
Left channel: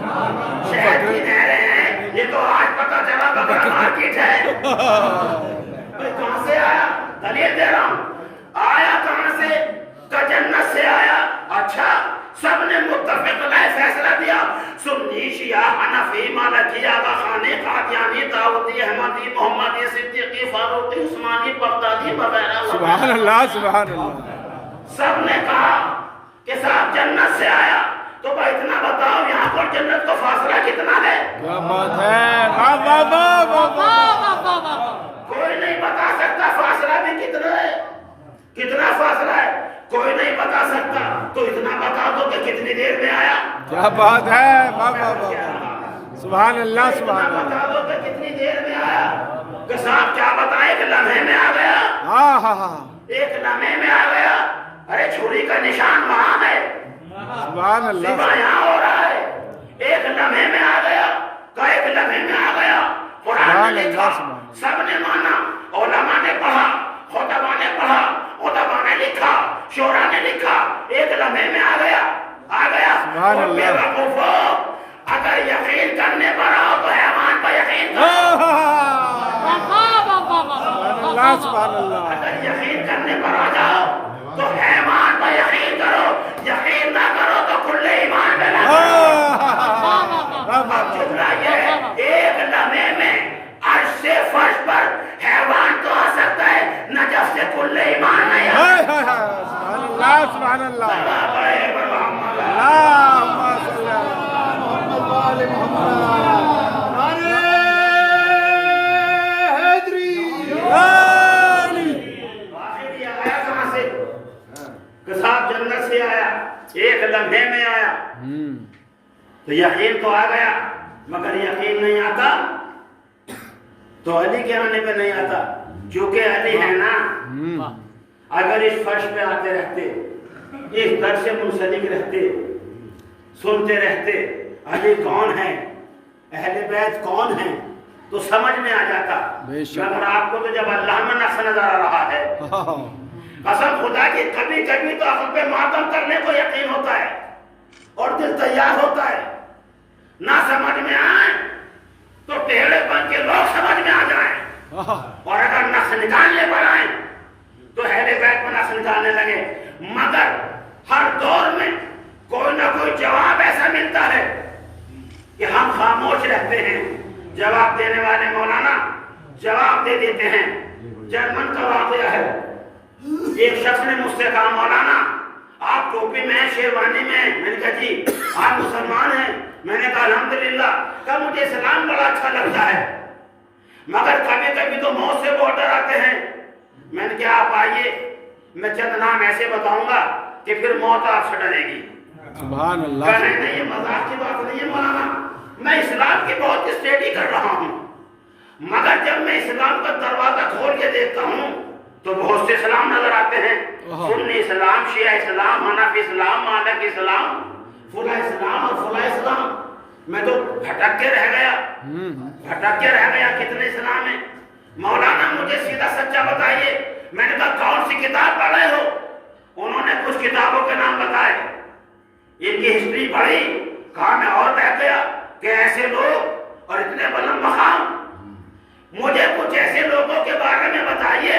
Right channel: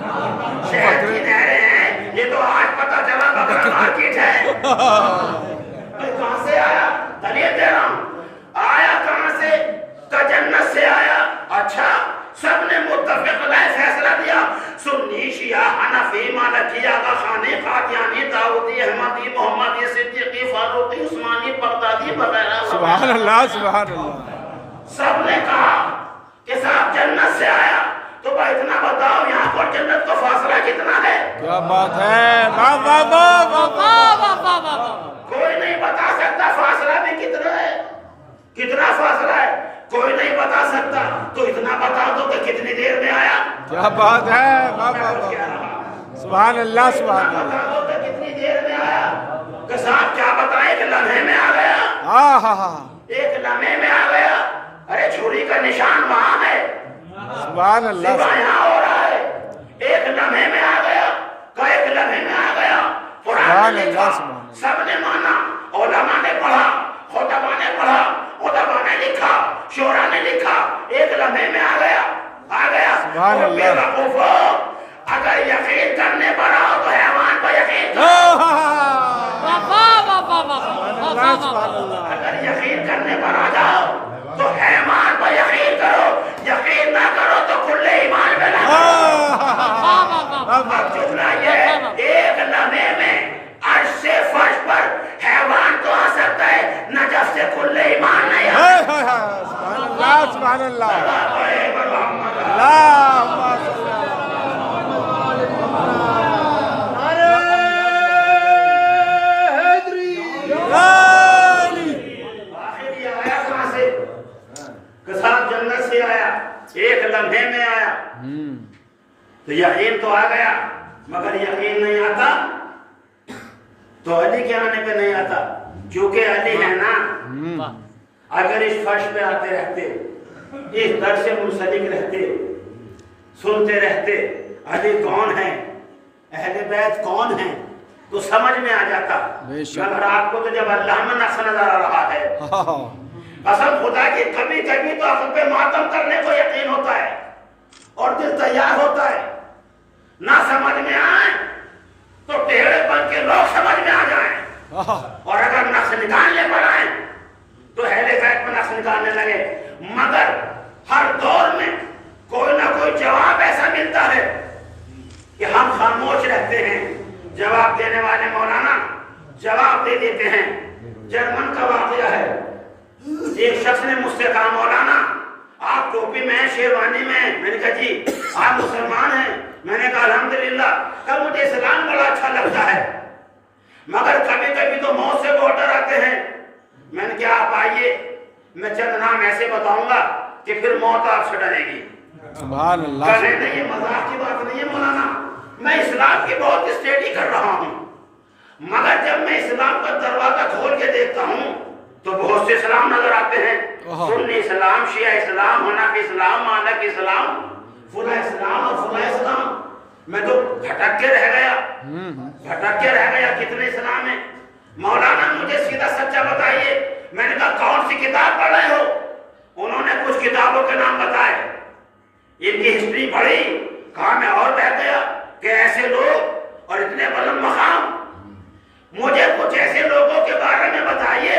شہد کی نہریں ہیں. یہ تو آج پتہ چلا بکرا مارکیٹ ہے. بھائی کہاں سے آیا؟ دلیل دے رہا ہوں. آیا کہاں سے؟ کہ جنت سے آیا. اچھا, سب نے متفق رائے فیصلہ دیا, سنی, شیعہ, حنفی, مالکی, آغا خانی, قادیانی, داؤدی, احمدی, محمدی, صدیقی, فاروقی, عثمانی, بغدادی وغیرہ. سبحان اللہ, سبحان اللہ. سب نے کہا کہ صاحب جنت سے آیا. تو بھائی اتنا بتاؤ یہاں پر جنت کا فاصلہ کتنا ہے؟ کیا بات ہے, کوئی نہیں بتا سکتا فاصلہ بھی کتنا ہے. کتنا فاصلہ ہے کوئی نہیں بتا سکتا. تو اتنا بتا دو کہ کتنی دیر میں آیا. کیا بات ہے, سبحان اللہ, سبحان اللہ. بتا دو کہ کتنی دیر میں آیا. کہ صاحب کیا بتائیں, ایک لمحے میں آ گیا. ہاں ہاں ہاں, ایک لمحے میں آ گیا. ارے چھری کا نشان وہاں ہے, سبحان اللہ. ذبح یہاں ہو رہا ہے. ایک لمحے میں آ گیا. کہ ایک لمحے میں آ گیا. قرآن نے لکھا, سب نے مانا, علماء نے پڑھا, خطبہ نے پڑھا, خطبہ نے لکھا, شورا نے لکھا. ایک لمحے میں آ گیا. آ گیا. سبحان اللہ. بے وقوفو, اگر یقین کرنے پر آؤ تو حیوان پر یقین کرو. سبحان اللہ. اگر یقین کرنے پر آ جاؤ تو حیوان پر یقین کرو. یقین نہ کرو تو کل ایمان میں لگو. اب جملہ یہ, ایک لمحے میں عرش سے فرش پر حیوان تو آ سکتا ہے, نجف سے کل ایمان نہیں آ سکتا. سبحان اللہ, سبحان اللہ. محمد اللہم صلی علی آخر یہ آیا کہاں سے؟ کہ صاحب جنت سے آیا, ایک لمحے میں آیا. تو یقین تو آ گیا, مگر یقین نہیں آتا تو علی کے آنے پہ نہیں آتا, کیونکہ علی ہے نا. اگر اس فرش پہ آتے رہتے, اس در سے منسلک رہتے, سنتے رہتے علی کون ہے, اہل بیت کون ہیں, تو سمجھ میں آ جاتا. مگر آپ کو تو جب اللہ میں نقص نظر آ رہا ہے, قسم خدا کی کبھی کبھی تو عقل پہ ماتم کرنے کو یقین ہوتا ہے اور دل تیار ہوتا ہے. نہ سمجھ میں آئے تو ٹیڑے بن کے لوگ سمجھ میں آ جائیں, اور اگر نقص نکالنے پر آئیں تو اہل بیت میں نقص نکالنے لگے. مگر ہر دور میں کوئی نہ کوئی جواب ایسا ملتا ہے کہ ہم خاموش رہتے ہیں. جواب دینے والے مولانا جواب دے دیتے ہیں. جرمن کا واقعہ ہے, ایک شخص نے مجھ سے کہا مولانا آپ ٹوپی میں ہیں, شیروانی میں ہیں. میں نے کہا جی آپ مسلمان ہیں؟ میں نے کہا الحمدللہ. کہ مجھے اسلام بڑا اچھا لگتا ہے, مگر کبھی کبھی تو موت سے بہت ڈر آتے ہیں. میں نے کہا آپ آئیے, میں چند نام ایسے بتاؤں گا کہ پھر موت آپ سے ڈرے گی. سبحان اللہ. کہ نہیں یہ مذاق کی بات نہیں ہے مولانا, میں اسلام کی بہت اسٹڈی کر رہا ہوں. مگر جب میں اسلام کا دروازہ کھول کے دیکھتا ہوں تو بہت سے اسلام نظر آتے ہیں، سنی اسلام، شیعہ اسلام، حنفی اسلام، مالک اسلام، فلاں اسلام اور فلاں اسلام۔ میں تو بھٹک کے رہ گیا کتنے اسلام ہیں۔ مولانا مجھے سیدھا سچا بتائیے۔ میں نے کہا کون سی کتاب پڑھ رہے ہو؟ انہوں نے کچھ کتابوں کے نام بتائے، ان کی ہسٹری پڑھی، کہا میں اور بیٹھ گیا کہ ایسے لوگ اور اتنے بلند مقام۔ مجھے کچھ ایسے لوگوں کے بارے میں بتائیے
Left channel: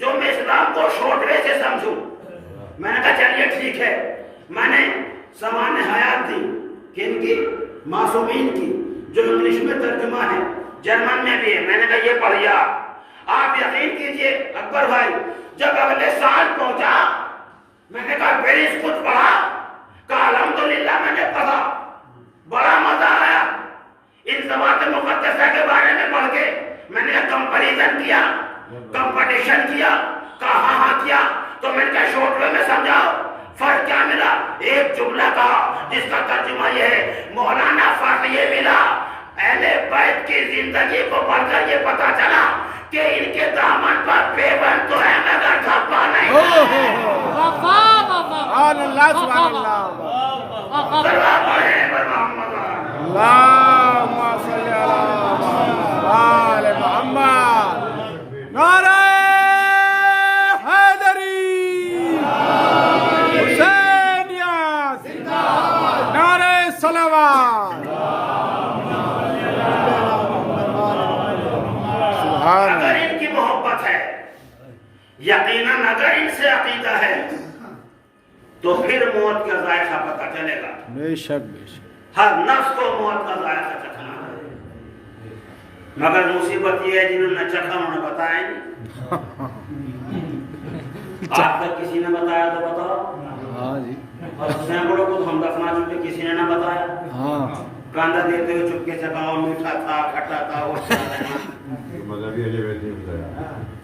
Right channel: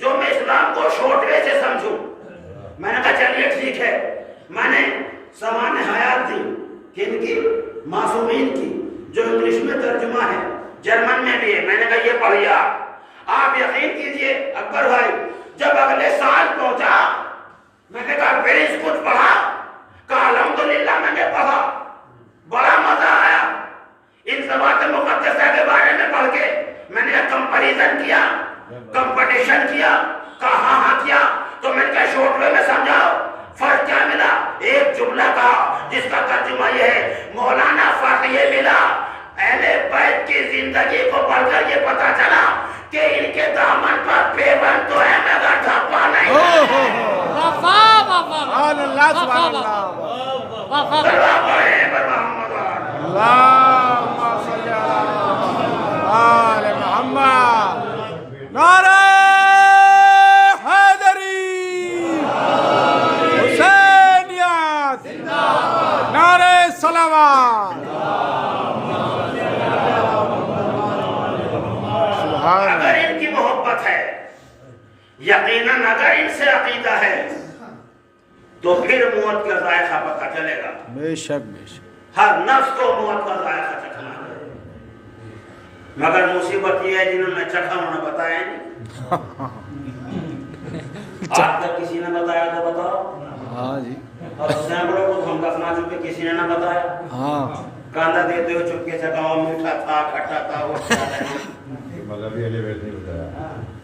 جو میں اسلام کو شارٹ وے سے سمجھوں۔ میں نے کہا چلیے ٹھیک ہے، میں نے سمان حیات دی، کن کی؟ معصومین کی، جو انگلش میں ترجمہ ہے، جرمن میں بھی ہے۔ میں نے کہا یہ پڑھیا۔ آپ یقین کیجئے اکبر بھائی، جب اگلے سال پہنچا میں نے کہا پیرس کچھ پڑھا؟ کہا الحمدللہ میں نے پڑھا، بڑا مزہ آیا ان ذوات مقدسہ کے بارے میں پڑھ کے۔ میں نے کمپیریزن کیا، کمپٹیشن کیا، کہا ہاں کیا، تو میں نے کہا شارٹ وے میں سمجھاؤ فرق کیا ملا؟ ایک جملہ کہا جس کا ترجمہ یہ ہے، مولانا فرق یہ ملا اہل بیت کی زندگی کو پڑھ کر یہ پتا چلا کہ ان کے دامن پر پیبند تو ہے مگر دھپا نہیں۔ سبحان اللہ سبحان اللہ، صلوات پڑھیں بر محمد۔ اللہم صلی علی محمد آل محمد۔ نعرہ حیدری، حسینیت، نعرہ صلوات۔ اگر ان کی محبت ہے، یقیناً اگر ان سے عقیدہ ہے تو پھر موت کا ذائقہ پتہ چلے گا۔ بے شک بے شک، ہر نفس کو موت کا ذائقہ چکھنا ہے، مگر مصیبت یہ ہے جنہوں نے چکھا انہوں نے بتایا نہیں۔ آج تک کسی نے بتایا تو بتاؤ۔ ہاں جی، اور سینکڑوں کو تو ہم دفنا چکے، کسی نے نہ بتایا۔ ہاں کاندھا دیتے ہوئے چپکے سے کہا میٹھا تھا، کھٹا تھا، وہ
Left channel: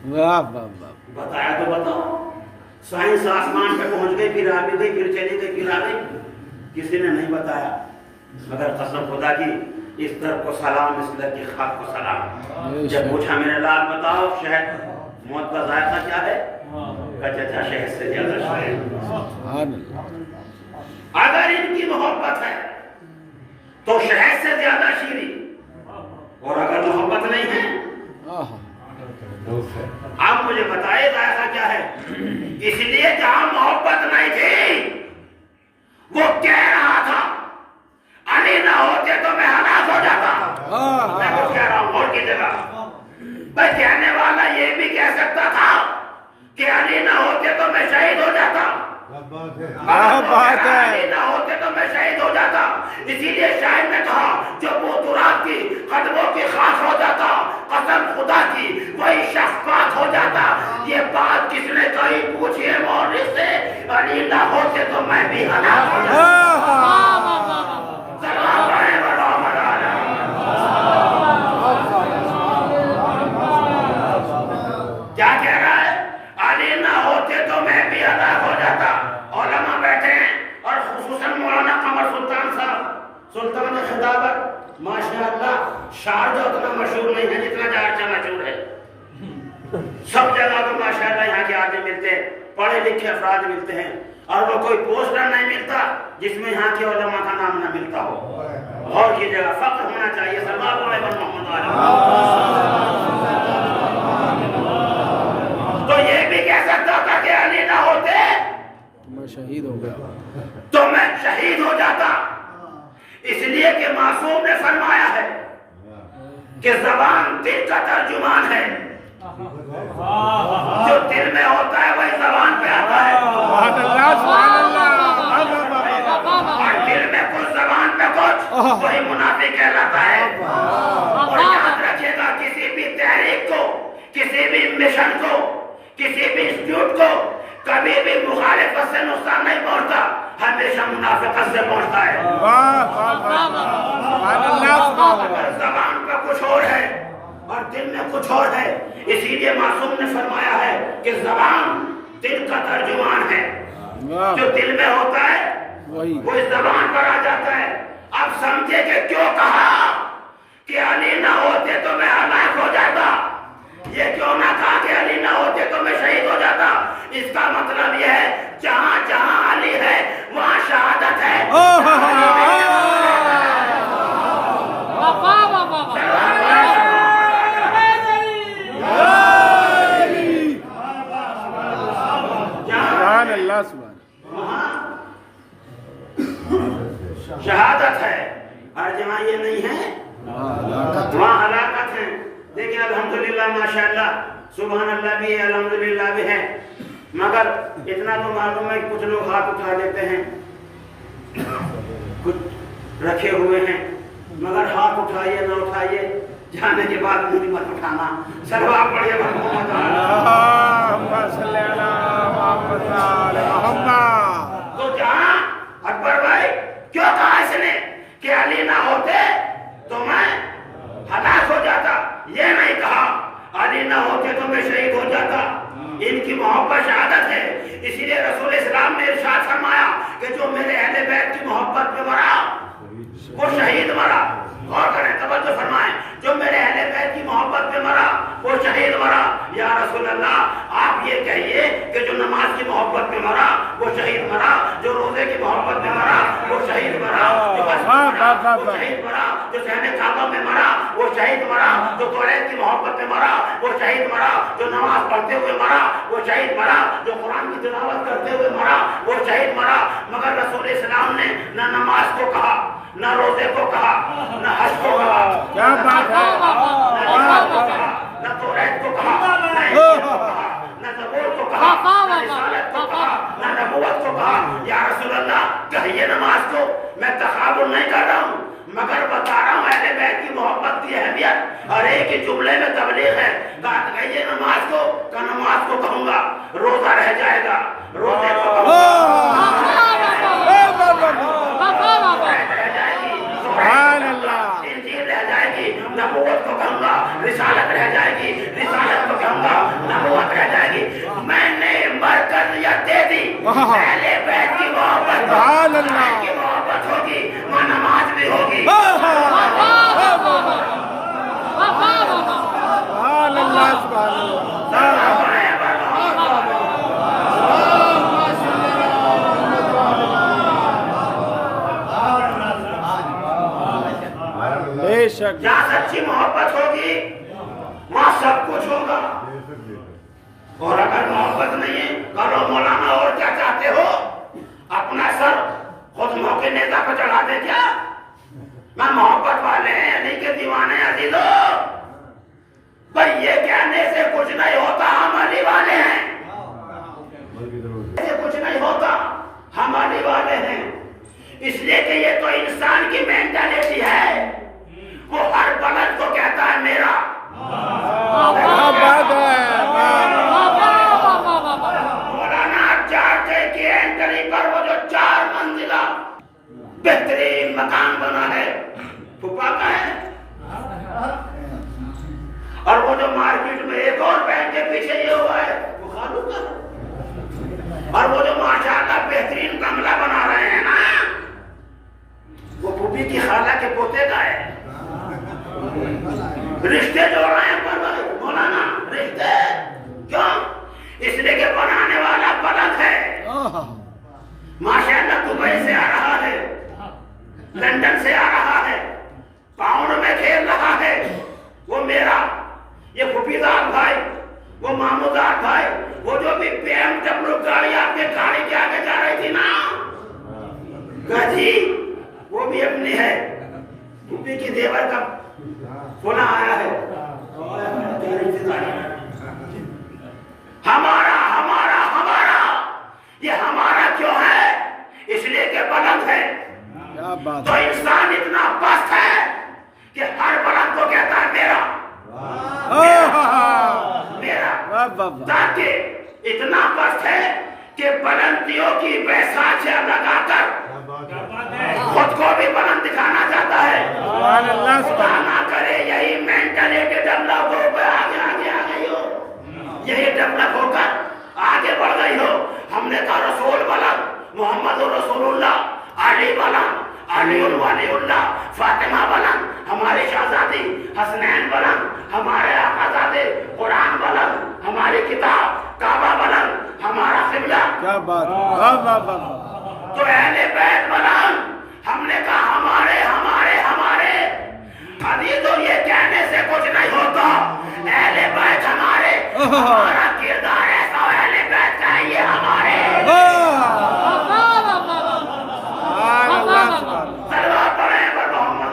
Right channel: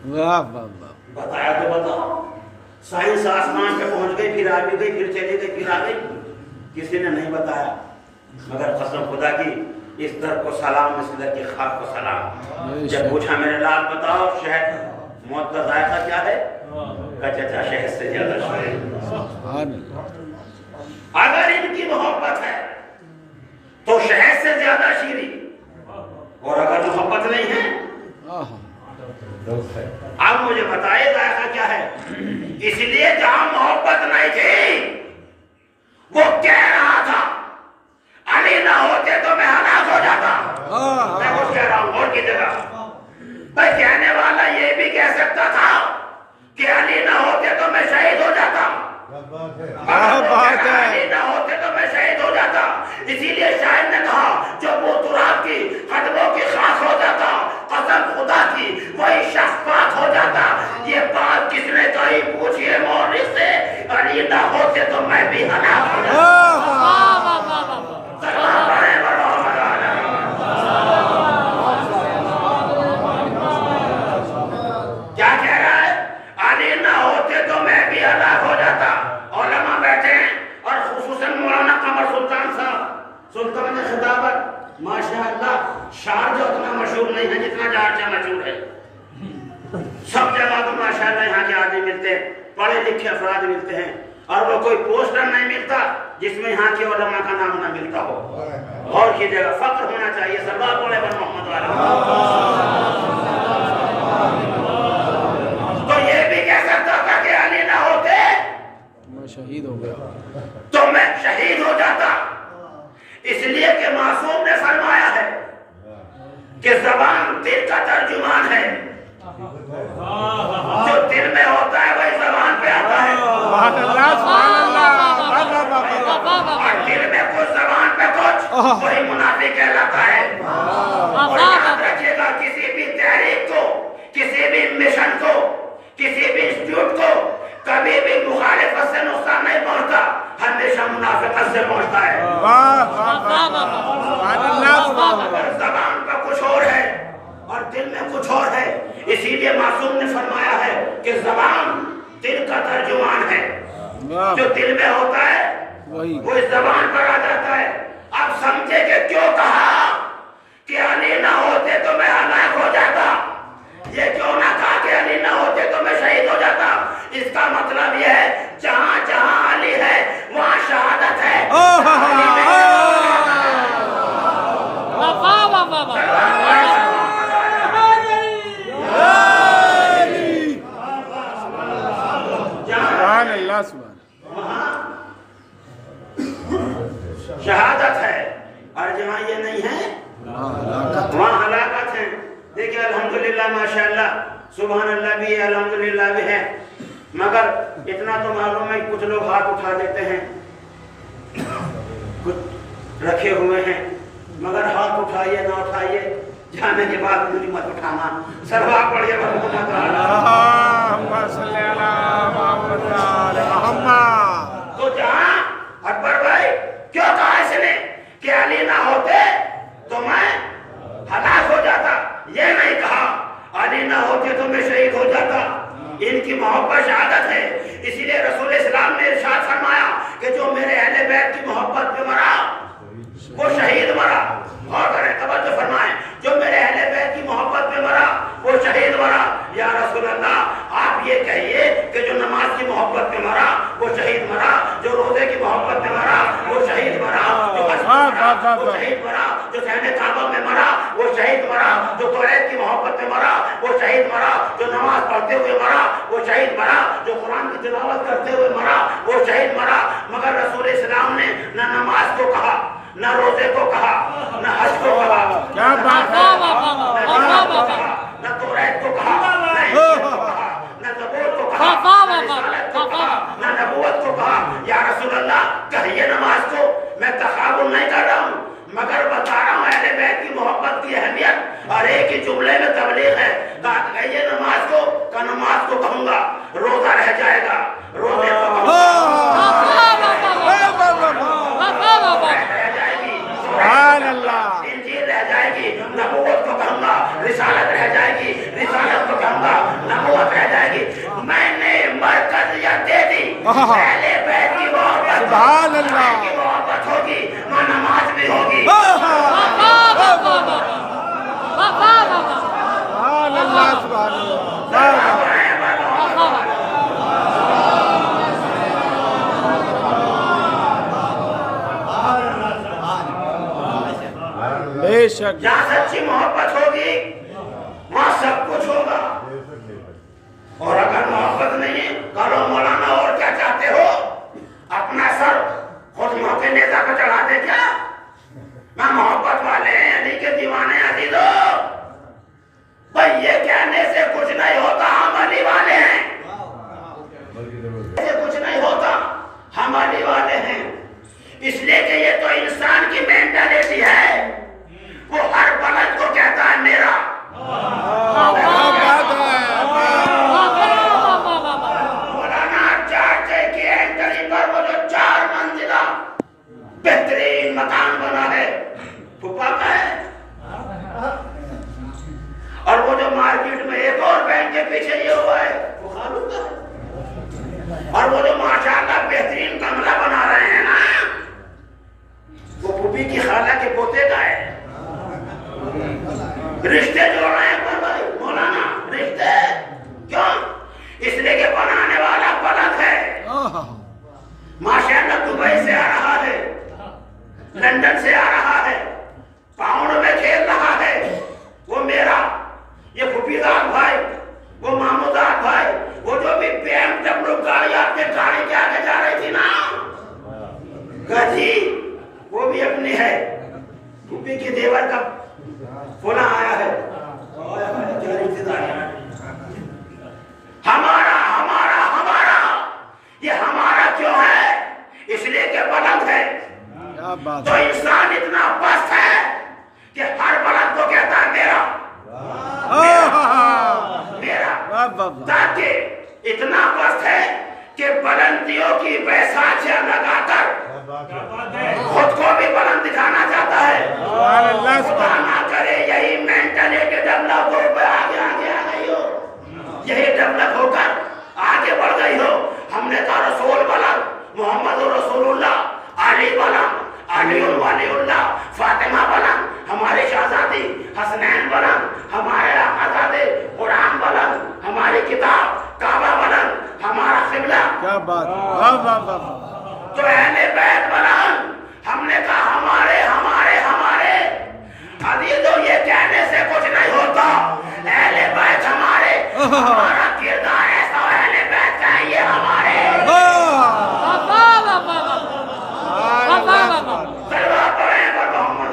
واہ واہ واہ، بتایا تو بتاؤ۔ سائنس آسمان پہ پہنچ گئی، پھر آ بھی گئی، پھر چلی گئی، پھر آ گئی، کسی نے نہیں بتایا۔ مگر قسم خدا کی اس در کو سلام، اس در کی خاک کو سلام۔ جب پوچھا میرے لال بتاؤ شہد موت کا ذائقہ کیا ہے؟ کہا چچا شہد سے زیادہ شہد۔ سبحان اللہ، اگر ان کی محبت ہے تو شہد سے زیادہ شیریں، اور اگر محبت نہیں ہے آپ مجھے بتائے ذائقہ کیا ہے؟ اس لیے جہاں محبت نہیں تھی وہ کہہ رہا تھا علی نہ ہوتے تو میں ہلاک ہو جاتا۔ میں کچھ کہہ رہا ہوں اور کی جگہ بھائی، کہنے والا یہ بھی کہہ سکتا تھا کہ علی نہ ہوتے تو میں شہید ہو جاتا، علی نہ ہوتے تو میں شہید ہو جاتا۔ اسی لیے شاعر نے کہا جو بوترات کی قدموں کی خاص ہو جاتا، قسم خدا کی وہی شخص پاک ہو جاتا۔ یہ بات کس نے کہی پوچھئے مورخ سے، علی نہ ہوتے تو میں بھی ہلاک ہو جاتا۔ سلام علیہ ورحمۃ اللہ۔ کیا کہہ رہا ہے؟ علی نہ ہوتے تو میں بھی ہلاک ہو جاتا۔ علماء بیٹھے ہیں اور خصوصاً مولانا قمر سلطان صاحب، سلطان خطابت، ماشاءاللہ شعر جو اتنا مشہور نہیں ہے جتنا جہاں مشہور ہے۔ سب جگہ تو ماشاءاللہ یہاں کے آدمی ملتے ہیں، پڑھے لکھے افراد ملتے ہیں، اور وہ کوئی پوسٹر نہیں ملتا جس میں یہاں کے علماء کا نام نہ ملتا ہو۔ اور کی جگہ فخر ہونا چاہیے۔ صلوات علی محمد تو یہ بھی کہہ سکتا تھا کہ علی نہ ہوتے میں شہید ہو گیا تو میں شہید ہو جاتا، اس لیے کہ معصوم نے فرمایا ہے کہ زبان دل کا ترجمان ہے، جو دل میں ہوتا ہے وہی زبان پہ آتا ہے۔ سبحان اللہ سبحان اللہ، اور دل میں کچھ زبان پہ کچھ، وہی منافق کہلاتا ہے۔ اور یاد رکھیے گا کسی بھی تحریک کو، کسی بھی مشن کو، کسی بھی انسٹیٹیوٹ کو کبھی بھی مخالفت سے نقصان نہیں پہنچتا، ہمیشہ منافقت سے پہنچتا ہے۔ واہ واہ واہ، سبحان اللہ سبحان اللہ۔ اگر زبان پہ کچھ اور ہے اور دل میں کچھ اور ہے، اسی لیے معصوم نے فرمایا ہے کہ زبان دل کا ترجمان ہے، جو دل میں ہوتا ہے وہ اس زبان پر آ جاتا ہے۔ اب سمجھے کہ کیوں کہا کہ علی نہ ہوتے تو میں ہلاک ہو جاتا، یہ کیوں نہ کہا کہ علی نہ ہوتے تو میں شہید ہو جاتا؟ اس کا مطلب یہ ہے جہاں جہاں علی ہے وہاں شہادت ہے۔ سبحان اللہ سبحان وہاں شہادت ہے، اور جہاں یہ نہیں ہے اللہ، وہاں ہلاکت ہے۔ دیکھیں الحمدللہ ماشاءاللہ سبحان اللہ بھی ہے، الحمدللہ بھی ہے، مگر اتنا تو معلوم ہے کہ کچھ لوگ ہاتھ اٹھا لیتے ہیں، کچھ رکھے ہوئے ہیں، مگر ہاتھ اٹھائیے نہ اٹھائیے، جانے کے بعد مجھے مت اٹھانا۔ صلوات پڑھیے محمد اللہم صلی علی محمد آل محمد۔ تو جہاں اکبر بھائی کیوں کہا اس نے کہ علی نہ ہوتے تو میں ہلاک ہو جاتا؟ یہ نہیں کہا علی نہ ہوتے تو میں شہید ہو جاتا۔ ان کی محبت شہادت ہے، اسی لیے رسول اسلام نے ارشاد فرمایا کہ جو میرے اہل بیت کی محبت پہ مرا وہ شہید مرا۔ غور کریں، توجہ فرمائیں، جو میرے اہل بیت کی محبت پہ مرا وہ شہید مرا۔ یا رسول اللہ آپ یہ کہیے کہ جو نماز کی محبت پہ مرا وہ شہید مرا، جو روزے کی محبت پہ مرا وہ شہید مرا، جو حج پہ مرا وہ شہید مرا، جو صحن کعبہ میں مرا وہ شہید مرا، جو توریت کی محبت پہ مرا وہ شہید مرا، جو نماز پڑھتے ہوئے مرا وہ شہید مرا، جو قرآن کی تلاوت کرتے ہوئے مرا وہ شہید مرا۔ مگر رسول اسلام نے نہ نماز کو کہا، نہ روزے کو کہا، نہ حج کو کہا، کیا بات ہے، نہ جہاد کو کہا، نہ توریت کو کہا، نہ انجیل کو کہا، نہ زبور کو کہا، نہ رسالت کو کہا، نہ نبوت کو کہا۔ یا رسول اللہ کہیے نماز کو، میں تقابل نہیں کر رہا ہوں، مگر بتا رہا ہوں اہل بیت کی محبت کی اہمیت، اور ایک ہی جملے میں تبلیغ ہے۔ کہیے نماز کو، کہ نماز کو کہوں گا، روزہ رہ جائے گا، روزے کو کہوں گا، سبحان اللہ، انجیل رہ جائے گی، نبوت کو کہوں گا، رسالت رہ جائے گی، رسالت کو کہوں گا، نبوت رہ جائے گی۔ میں نے مرکزیت دے دی، اہل بیت کی محبت، سبحان اللہ کی محبت ہوگی، وہاں نماز بھی ہوگی۔ سبحان اللہ سبحان اللہ، بے شک جہاں سچی محبت ہوگی وہاں سب کچھ ہوگا، اور اگر محبت نہیں ہے، کہو مولانا اور کیا چاہتے ہو؟ اپنا سر خود موقع نیزہ پہ چڑھا دے کیا؟ میں محبت والے ہیں، علی کے دیوانے عزیزو، بھئی یہ کہنے سے کچھ نہیں ہوتا، ہم علی والے ہیں، سے کچھ نہیں ہوتا، ہم علی والے ہیں۔ اس لیے کہ یہ تو انسان کی مینٹلٹی ہے، وہ ہر بلد کو کہتا ہے میرا۔ مولانا چارچے کی اینٹری پر وہ جو 4 منزلہ بہترین مکان بنا ہے پھپا کا ہے، اور وہ جو مارکیٹ میں ایک اور بینک کے پیچھے یہ ہوا ہے وہ خالو کا ہے، اور وہ جو ماشاءاللہ بہترین بنگلہ بنا رہے ہیں نا وہ پھوپھی کی خالہ کے پوتے کا ہے۔ رشتے جوڑ رہے ہیں پر بھائی مولانا، رشتے کیوں؟ اس لیے کہ بنانے والا بلد ہے، ماشاءاللہ دبئی سے آ رہا ہے، لندن سے آ رہا ہے، پاؤنڈ میں کھیل رہا ہے، وہ میرا، یہ پھوپھیدار بھائی، وہ مامودار بھائی، وہ جو بھی BMW گاڑی آپ کے گاڑی کے آگے جا رہی تھی نا گجی، وہ بھی اپنی ہے، پھوپھی کی دیور کا فلاں آیا ہے، کیا رشتے داری ہے؟ ہمارا ہمارا ہمارا، یہ ہمارا کیوں ہے؟ اس لیے کہ بلند ہے۔ کیا بات تو انسان اتنا پست ہے کہ ہر بلند کو کہتا ہے میرا میرا، تاکہ اتنا پست ہے کہ بلندیوں کی بیساکھیاں لگا کر خود کو بھی بلند دکھانا چاہتا ہے۔ سبحان اللہ سبحان نہ کرے یہی مینٹلٹی ڈیولپ ہو کے آگے آگے آ گئی ہو، یہی ڈیولپ ہو کر آگے بڑھ گئی ہو۔ ہم نے کہا رسول بلند، محمد رسول اللہ، علی بلند، علی ولی اللہ فاطمہ بلند ہمارے شہزادی، حسنین بلند ہمارے آقازادے، قرآن بلند ہماری کتاب، کعبہ بلند ہمارا قبلہ. کیا بات ہے، واہ واہ واہ. تو اہل بیت بلند. ہم نے کہا ہمارے ہمارے ہمارے. ابھی تو یہ کہنے سے کچھ نہیں ہوتا. اہل بیت ہمارے، ہمارا کردار ایسا اہل بیت کا ہے، یہ ہمارے. سبحان اللہ سبحان اللہ. صلوات پڑھیں پر محمد.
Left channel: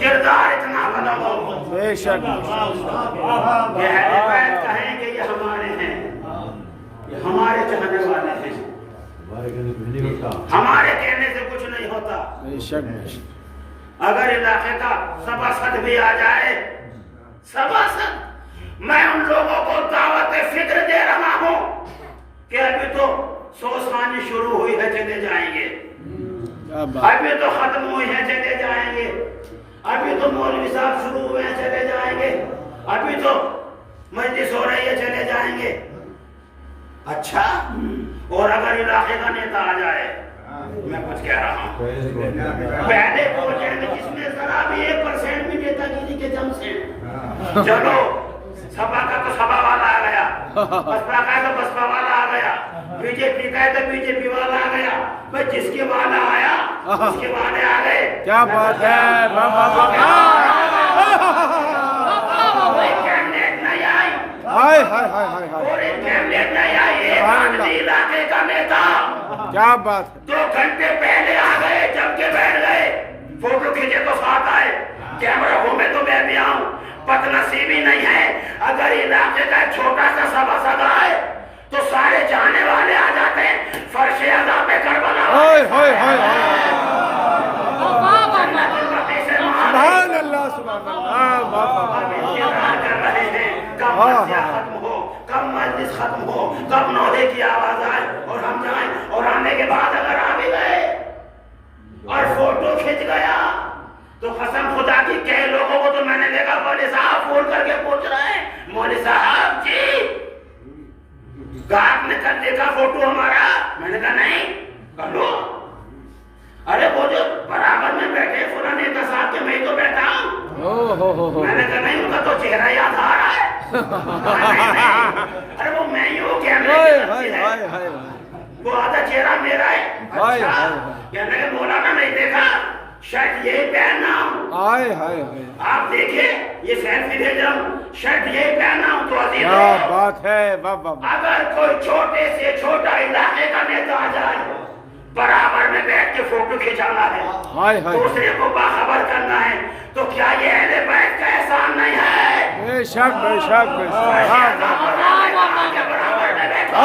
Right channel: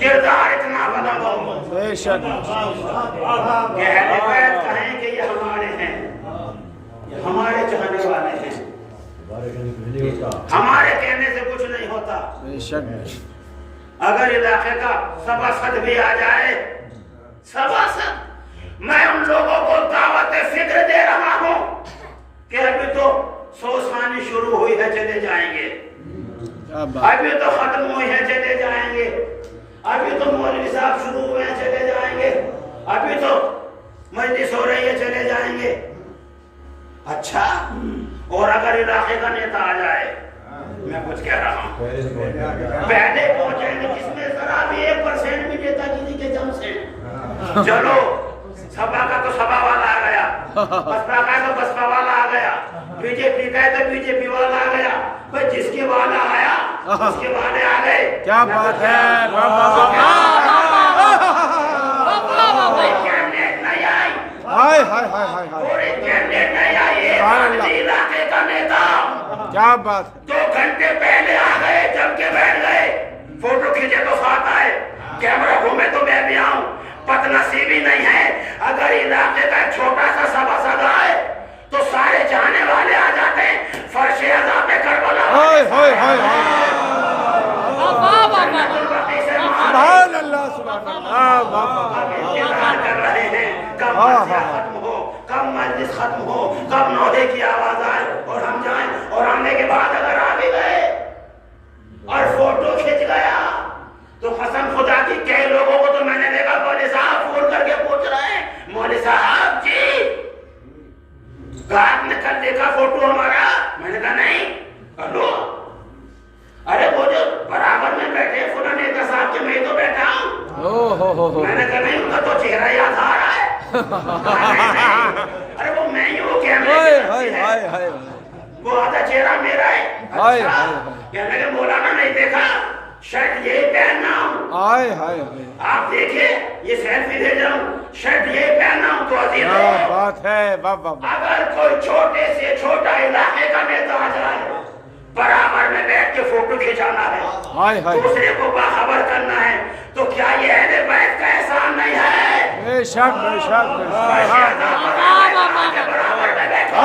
کردار اتنا بدل ہو بے شک کہ اہل بیت کہیں کہ یہ ہمارے ہیں، یہ ہمارے چاہنے والے ہیں. ہمارے کہنے سے کچھ نہیں ہوتا. بے شک بے شک. اگر علاقے کا سباسد بھی آ جائے، سباسد، میں ان لوگوں کو دعوت فکر دے رہا ہوں کہ ابھی تو سوسانی شروع ہوئی ہے، چلے جائیں گے. کیا بات. ابھی تو ختم ہوئی ہے، چلے جائیں گے. ابھی تو مولوی صاحب شروع ہوئے ہیں، چلے جائیں گے. ابھی تو مجلس ہو رہی ہے، چلے جائیں گے. اچھا، اور اگر علاقے کا نیتا آ جائے، میں کچھ کہہ رہا ہوں، پہلے پہنچیں گے جس میں ذرا بھی 1% بھی نیتا گیری کے جم سے. چلو، سبا کا تو سبا والا آ گیا، بسپا کا تو بسپا والا آ گیا، بی جے پی کا تو بی جے پی والا آ گیا. بھائی جس کے والا آیا اس کے والے آ گئے. کیا بات ہے، واہ واہ واہ. کوئی کیبنیٹ نہیں آئی، ہائے ہائے ہائے ہائے ہائے. پوری کیبنیٹ نہیں آئی. ایک آدمی علاقے کا نیتا کیا بات ہے. 2 گھنٹے پہلے آ گئے، جم کے بیٹھ گئے. فوٹو کھینچے تو ساتھ آئے، کیمرہ گھومے تو میں بھی آؤں. پت نصیبی نہیں ہے. اگر علاقے کا ایک چھوٹا سا سباسد آئے تو سارے جانے والے آ جاتے ہیں. فرش عذاب کربلا ہائے ہائے ہائے ہائے. جنت البقیع سے سبحان اللہ سبحان اللہ. واہ واہ واہ. انتظار کر رہے ہیں کب مرثیہ ختم ہو، کب مجلس ختم ہو، کب نوحے کی آواز آئے اور ہم جائیں. اور آنے کے بعد اگر آ بھی گئے اور فوٹو کھینچ گیا تو قسم خدا کی کئی لوگوں کو تو میں نے دیکھا مولوی صاحب فون کر کے پوچھ رہے ہیں، مولوی صاحب جی آپ نے کل دیکھا فوٹو ہمارا؟ میں نے کہا نہیں. کلو ارے وہ جو برابر میں بیٹھے فلاں نیتا صاحب کے میں تو بیٹھا ہوں. میں نے کہا نہیں، ان کا تو چہرہ یاد آ رہا ہے. ارے وہ میں ہی ہوں، کیمرے کی طرف سے ہے، وہ آدھا چہرہ میرا ہے. اچھا، کہنے لگے مولانا نہیں دیکھا، شرٹ یہی پہننا ہوں. آپ دیکھیں یہ سیلفی دے جاؤں، شرٹ یہی پہننا ہوں. تو عزیزوں، کیا بات ہے، واہ واہ. اگر کوئی چھوٹے سے چھوٹا علاقے کا نیتا آ جائے، برابر میں بیٹھ کے فوٹو کھینچانا ہے، دوسرے کو باخبر کرنا ہے، تو کیا یہ اہل بیت کا احسان نہیں ہے؟ بے شک بے شک بے شک. برابر میں بیٹھا.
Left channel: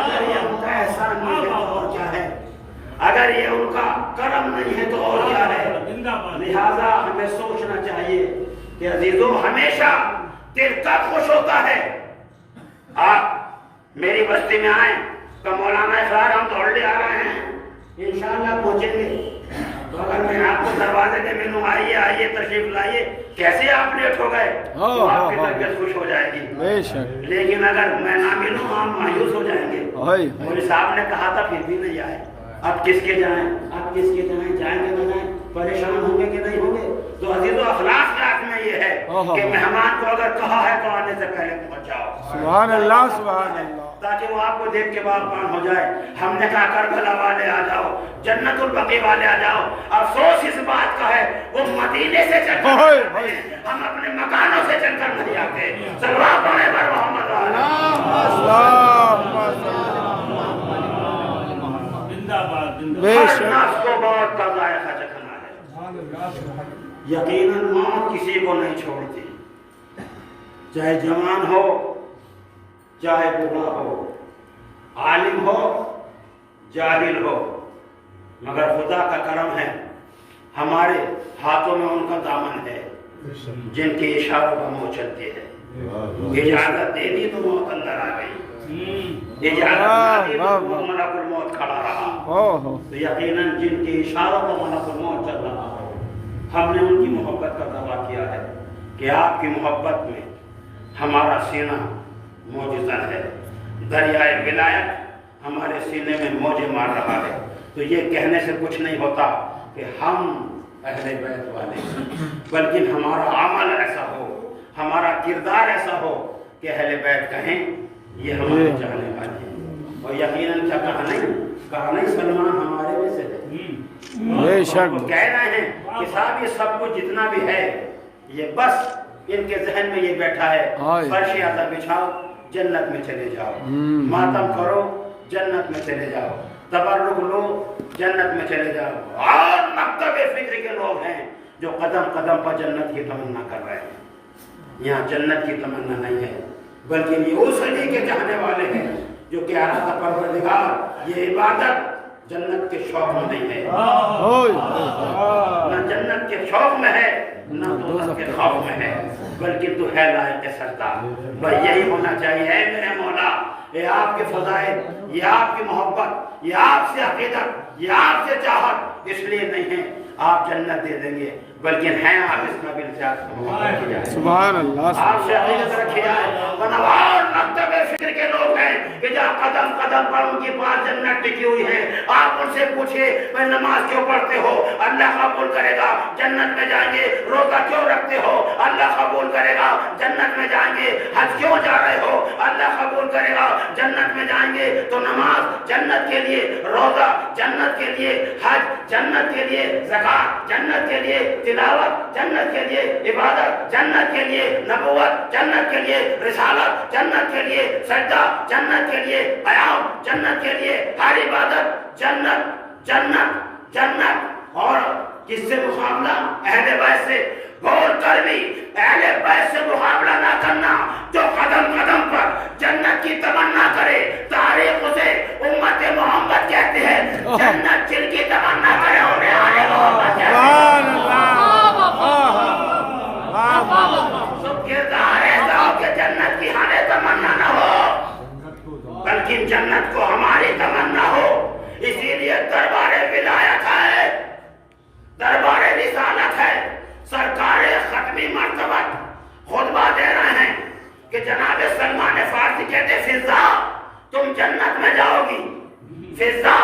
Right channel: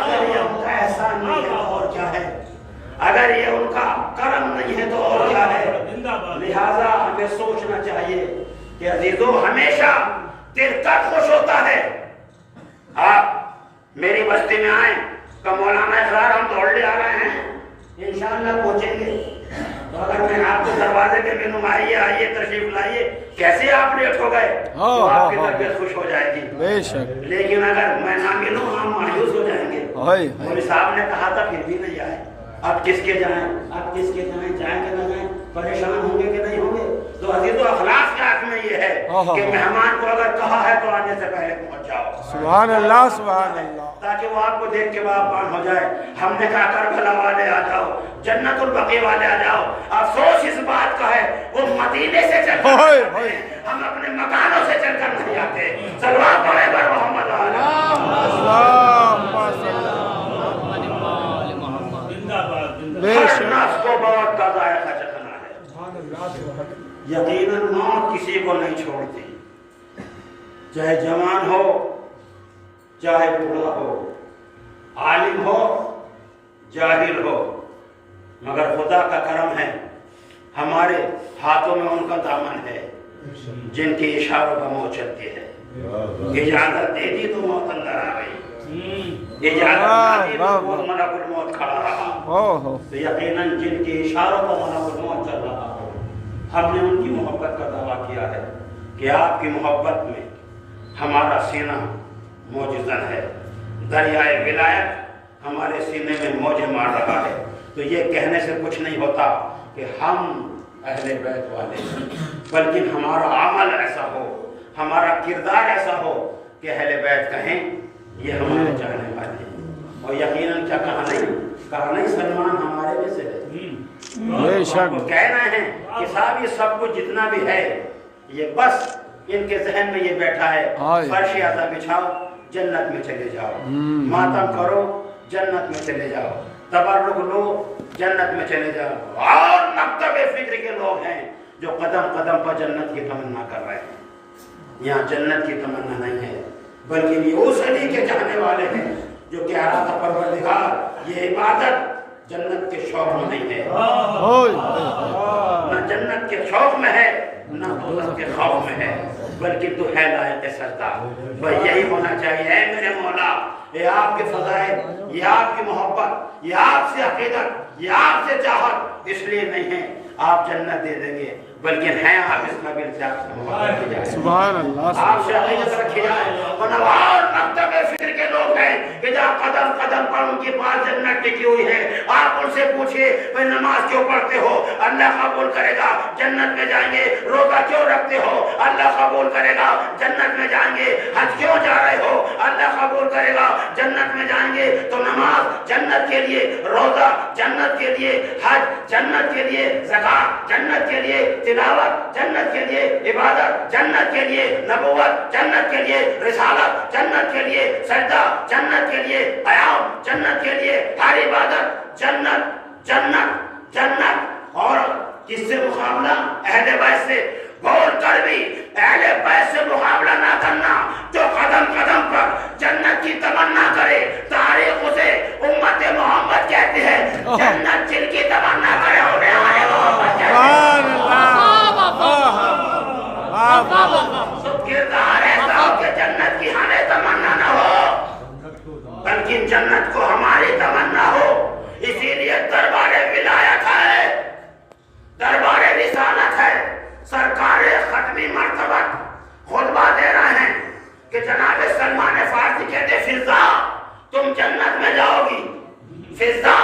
اگر یہ ان کا احسان نہیں ہے تو اور کیا ہے؟ اگر یہ ان کا کرم نہیں ہے تو اور کیا ہے؟ لہذا ہمیں سوچنا چاہیے کہ عزیزوں، ہمیشہ دل کا خوش ہوتا ہے. آپ میری بستی میں آئیں کہ مولانا اقرار ہم دوڑ لے آ رہے ہیں، انشاءاللہ پہنچیں گے. تو اگر میں آپ کو دروازے کے مینوں آئیے آئیے تشریف لائیے، کیسے آپ لیٹ ہو گئے تو آپ کی طبیعت خوش ہو جائے گی. لیکن اگر میں نہ ملوں آپ مایوس ہو جائیں گے. مولوی صاحب نے کہا تھا پھر بھی نہیں آئے، اب کس کے جائیں، اب کس کے جائیں، جائیں گے نہ جائیں، پریشان ہوں گے کہ نہیں ہوں گے. تو عزیزو، اخلاق کے حق میں یہ ہے کہ مہمان کو اگر کہا ہے تو آنے سے پہلے پہنچ جاؤ. سبحان اللہ سبحان اللہ. تاکہ وہ آپ کو دیکھ کے باغبان ہو جائے. ہم نے کہا کربلا والے آ جاؤ، جنت البقیع والے آ جاؤ. افسوس اس بات کا ہے وہ مدینے سے چل کر آتے ہیں، ہم اپنے مکانوں سے چل کر نہیں آتے. صلوات پڑھیں بر محمد علیہ. ہر نفس کو موت کا ذائقہ چکھنا ہے. یقیناً موت کسی کو نہیں چھوڑتی، چاہے جوان ہو چاہے بوڑھا ہو، عالم ہو جاہل ہو. مگر خدا کا کرم ہے، ہمارے ہاتھوں میں ان کا دامن ہے جن کے اشاروں پر موت چلتی ہے. اجازت دے دی تو موت اندر آ گئی، اجازت نہ دی تو ملک الموت کھڑا رہا. تو یقیناً جن کے اشاروں پر ملک الموت چل رہا ہو، ہم نے ان کی محبت کا دعویٰ کیا ہے کہ آپ کی محبت میں ہمارا سینہ موجزن ہے، دریائے ولایت ہمارے سینے میں موجیں مار رہا ہے۔ تو یہ کہنے سے کچھ نہیں ہوتا کہ ہم اہل بیت والے ہیں، بلکہ ہمارا عمل ایسا ہو، ہمارا کردار ایسا ہو کہ اہل بیت کہیں یہ ہمارے چاہنے والے ہیں۔ اور یقیناً کیا کہا نہیں سلمان ہمارے میں سے ہے۔ بے شک وہ کہہ رہے ہیں کہ صاحب یہ سب کچھ جتنا بھی ہے یہ بس ان کے ذہن میں یہ بیٹھا ہے، فرش عطا بچھاؤ جنت میں چلے جاؤ، ماتم کرو جنت میں چلے جاؤ، تبرک لو جنت میں چلے جاؤ۔ اور مکتب فکر کے لوگ ہیں جو قدم قدم پر جنت کی تمنا کر رہے ہیں۔ یہاں جنت کی تمنا نہیں ہے، بلکہ یہ اس علی کے چاہنے والے ہیں جو کہ ارادہ پروردگار یہ عبادت جنت کے شوق میں نہیں ہے، نہ جنت کے شوق میں ہے نہ دوزخ کے خوف میں ہے، بلکہ تو ہے لائق سجدہ۔ بھائی یہی ہونا چاہیے، اے میرے مولا یہ آپ کے فضائل، یہ آپ کی محبت، یہ آپ سے عقیدت، یہ آپ سے چاہت اس لیے نہیں ہے آپ جنت دے دیں گے، بلکہ ہیں آپ اس قابل سے آپ سے محبت کی جائے، سبحان اللہ، آپ سے عقیدت رکھی جائے۔ اور مکتب فکر کے لوگ ہیں کہ جہاں قدم قدم پر ان کے پاس جنت ٹکی ہوئی ہے، آپ ان سے پوچھئے بھائی نماز کیوں پڑھتے ہو؟ اللہ قبول کرے گا، جنت میں جائیں گے۔ روزہ کیوں رکھتے ہو؟ اللہ قبول کرے گا، جنت میں جائیں گے۔ حج کیوں جا رہے ہو؟ اللہ قبول کرے گا، جنت میں جائیں گے۔ تو نماز جنت کے لیے، روزہ جنت کے لیے، حج جنت کے لیے، زکات جنت کے لیے، تلاوت جنت کے لیے، عبادت جنت کے لیے، نبوت جنت کے لیے، رسالت جنت کے لیے، سجدہ جنت کے لیے، قیام جنت کے لیے، ہر عبادت جنت جنت جنت۔ اور کس سے مقابلہ؟ اہل بیت سے۔ بول کر بھی اہل بیت سے مقابلہ نہ کرنا، جو قدم قدم پر جنت کی تمنا کرے۔ تاریخ اسے امت محمد کہتے ہیں، جنت جن کی تمنا کرے انہیں آل محمد کہتے ہیں۔ تو کردار ایسا ہو کہ جنت کی ہمیں تمنا نہ ہو، بلکہ جنت کو ہماری تمنا ہو۔ اسی لیے دربار ولایت ہے، دربار رسالت ہے۔ سرکار ختمی مرتبت خطبہ دے رہے ہیں کہ جناب سلمان فارسی کہتے فضا تم جنت میں جاؤ گی، فضا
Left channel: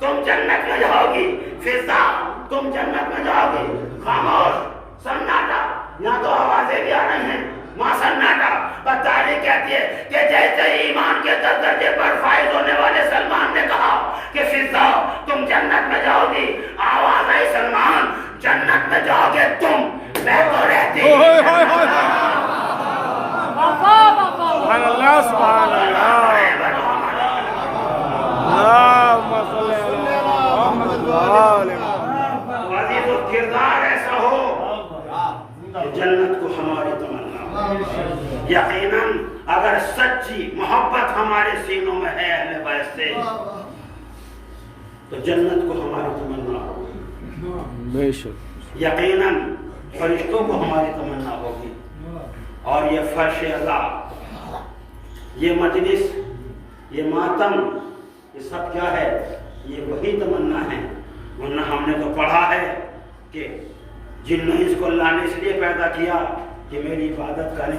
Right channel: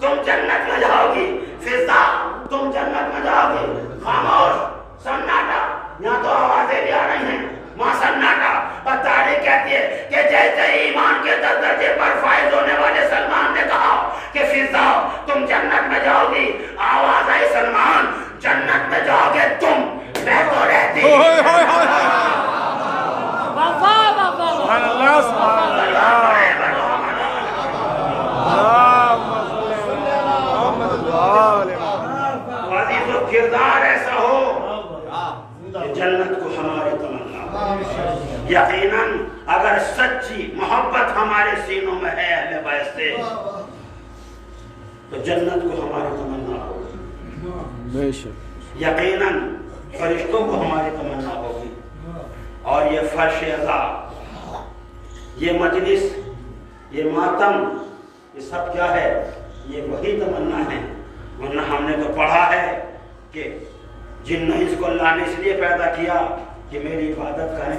تم جنت میں جاؤ گی، فضا تم جنت میں جاؤ گی۔ خاموش، سناٹا، یہاں تو آوازیں بھی آ رہی ہیں، وہاں سناٹا۔ اور تاریخ کہتی ہے کہ جیسے ایمان کے درجے پر فائز ہونے والے سلمان نے کہا کہ فضا تم جنت میں جاؤ گی، آواز آئی سلمان جنت میں جاؤ گے تم، میں تو رہتی سبحان اللہ، سبحان اللہ، عزیز و کردار ایسا ہو کہ جنت کو ہماری تمنا ہو۔ یقیناً اگر سچی محبت ہمارے سینوں میں ہے اہل بیت سے تو جنت کو ہماری تمنا ہوگی، بے شک یقیناً فرشتوں کو ہماری تمنا ہوگی۔ اور یہ فرش اللہ، یہ مجلس، یہ ماتم، یہ سب کیا ہے؟ یہ وہی تمنا ہے۔ ورنہ ہم نے تو پڑھا ہے کہ جن و انس کو اللہ نے اس لیے پیدا کیا کہ میری عبادت کریں۔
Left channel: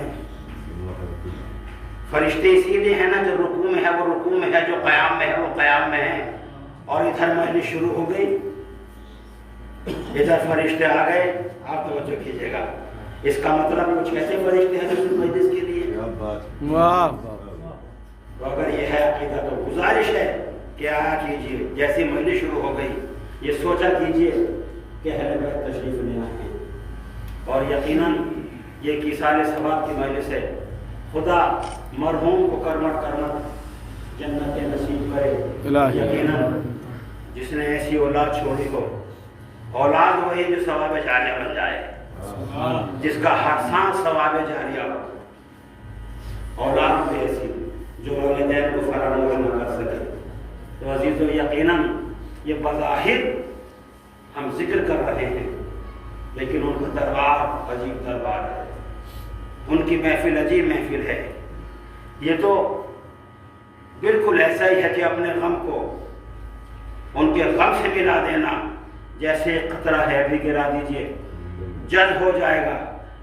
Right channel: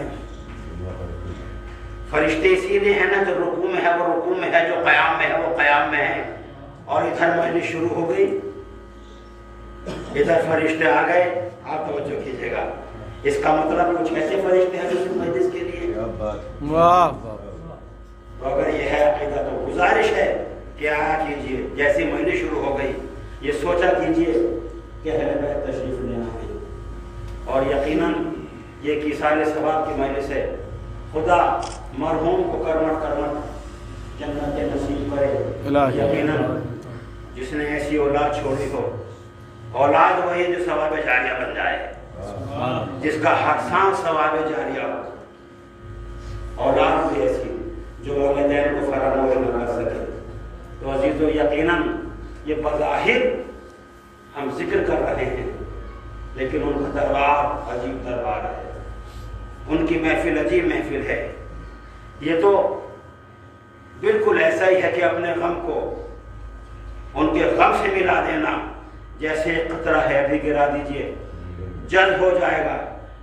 فرشتے اسی لیے ہیں نا، جو رکوع میں ہے وہ رکوع میں ہے، جو قیام میں ہے وہ قیام میں ہے۔ اور ادھر مجلس شروع ہو گئی، ادھر فرشتے آ گئے، آپ توجہ کیجئے گا۔ اس کا مطلب کچھ ایسے فرشتے ہیں جو صرف مجلس کے لیے۔ واہ، تو اگر یہ ہے عقیدہ تو گزارش ہے کہ آیا کیجئے، جیسی مجلس شروع ہو گئی یہ سوچا کیجئے کہ اہل بیت تشریف لے آئے ہیں۔ اور یقیناً یہ ایک ایصال ثواب کی مجلس ہے۔ خدا مرحوم کو کرمٹ کرمٹ جنت نصیب کرے۔ یقیناً جس نے ایسی اولاد چھوڑی ہو، اولاد وہی جو ثواب جاریہ بن جائے، جس کا ہر سانس ثواب جاریہ ہو۔ اولاد بھی ایسی جو والدین کو فراموش نہ کر سکے۔ تو عزیزو یقیناً یہ بظاہر ہم ذکر کر رہے ہیں، لیکن ان کا دربار عجیب دربار ہے، ان کی محفل عجیب محفل ہے۔ یہ تو بالکل ایسا ہی ہے کہ اپنے غم کو ان کے غم سے ملا دینا، جیسے قطرہ ہے ابھی گرا دیجئے، جلد ہو جائے گا،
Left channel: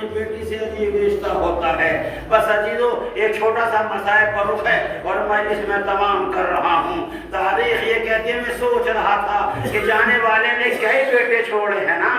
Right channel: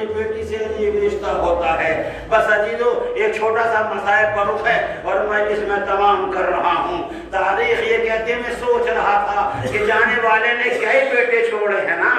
اپنی بیٹی سے عجیب رشتہ ہوتا ہے. بس عزیزو ایک چھوٹا سا مسائل پر رخ ہے اور میں اس میں تمام کر رہا ہوں. تاریخ یہ کہتی ہے میں سوچ رہا تھا کہ جانے والے نے کئی بیٹے چھوڑے ہیں نا,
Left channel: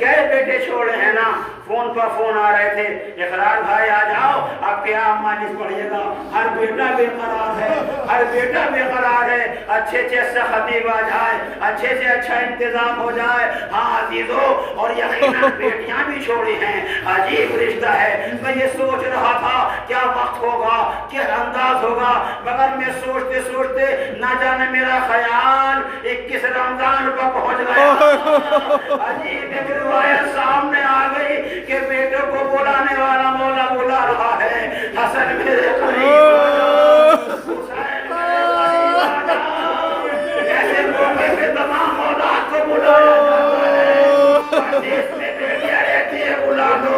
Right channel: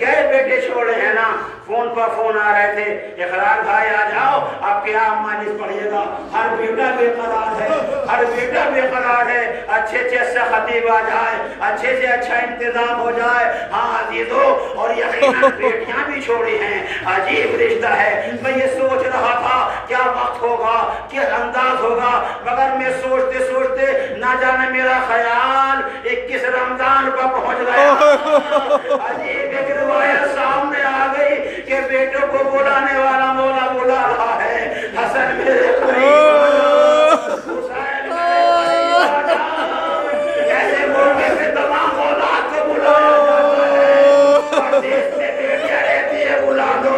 کئی بیٹے چھوڑے ہیں نا. فون پر فون آ رہے تھے, اقرار بھائی آ جاؤ آپ کیا مانس پڑھیے گا. ہر بیٹا بے قرار ہے, ہر بیٹا بے قرار ہے. اچھے سے خطیب آ جائے, اچھے سے اچھا انتظام ہو جائے. ہاں عزیزو اور یقیناً بیٹیاں بھی چھوڑی ہیں. عجیب رشتہ ہے. میں یہ سوچ رہا تھا کیا وقت ہوگا, کیا انداز ہوگا, مگر میں سوچتے سوچتے نہ جانے میرا خیال 21 رمضان پر پہنچ گیا. عجیب ایک روایت سامنے آ گئی کہ بیٹوں کو بلانے والا مولا بلا رہا ہے. حسن میرے قریب آ جا, حسین میرے قریب آ جا. ایسے موقع پہ تمام اولاد کو بلایا جاتا ہے. دیش میں بیٹیاں رہتی ہے بلا دو,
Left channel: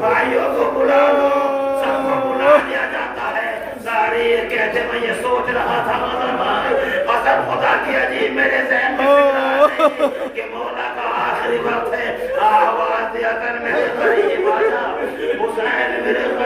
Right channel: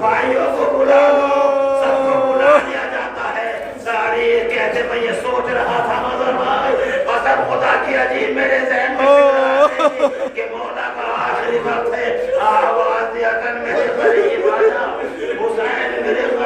بھائیوں کو بلا دو, سب کو بلا لیا جاتا ہے. تاریخ کہتے میں یہ سوچ رہا تھا مظہر بھائی, قسم خدا کی عجیب میرے ذہن میں فکر آ رہی کہ مولا کا آخری وقت ہے. آواز دیا کر میرے قریب آ جا, حسین میرے قریب آ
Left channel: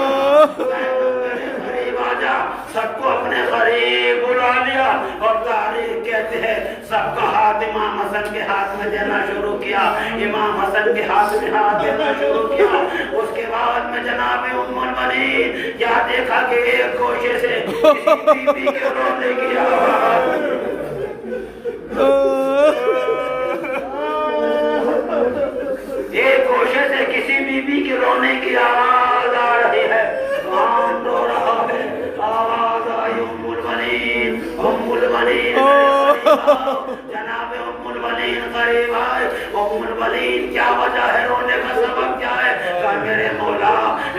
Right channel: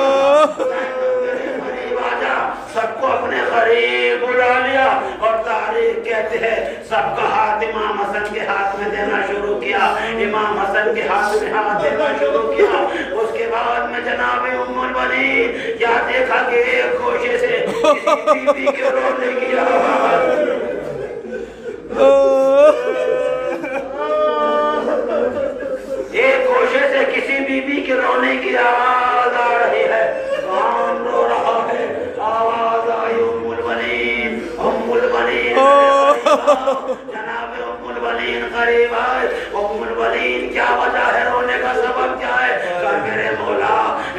جا, حسین میرے قریب آ جا. سب کو اپنے قریب بلا لیا اور تاریخ کہتے ہیں سب کا ہاتھ امام حسن کے ہاتھ میں دینا شروع کیا. امام حسن کے ہاتھ میں ہاتھ دینا شروع کیا. اس کے بعد میں جناب ام المنین کیا دیکھا کہ ایک گوشے سے کسی بی بی کے رونے کی آواز, ایک گوشے سے کسی بی بی کے رونے کی آواز آ رہی ہے. کون رو رہا ہے؟ آواز آئی ام المنین, ام المنین جناب ام المنین قریب آئے. ام المنین کیا وجہ ہے رونے کا سبب کیا ہے؟ کہا میرے مولا,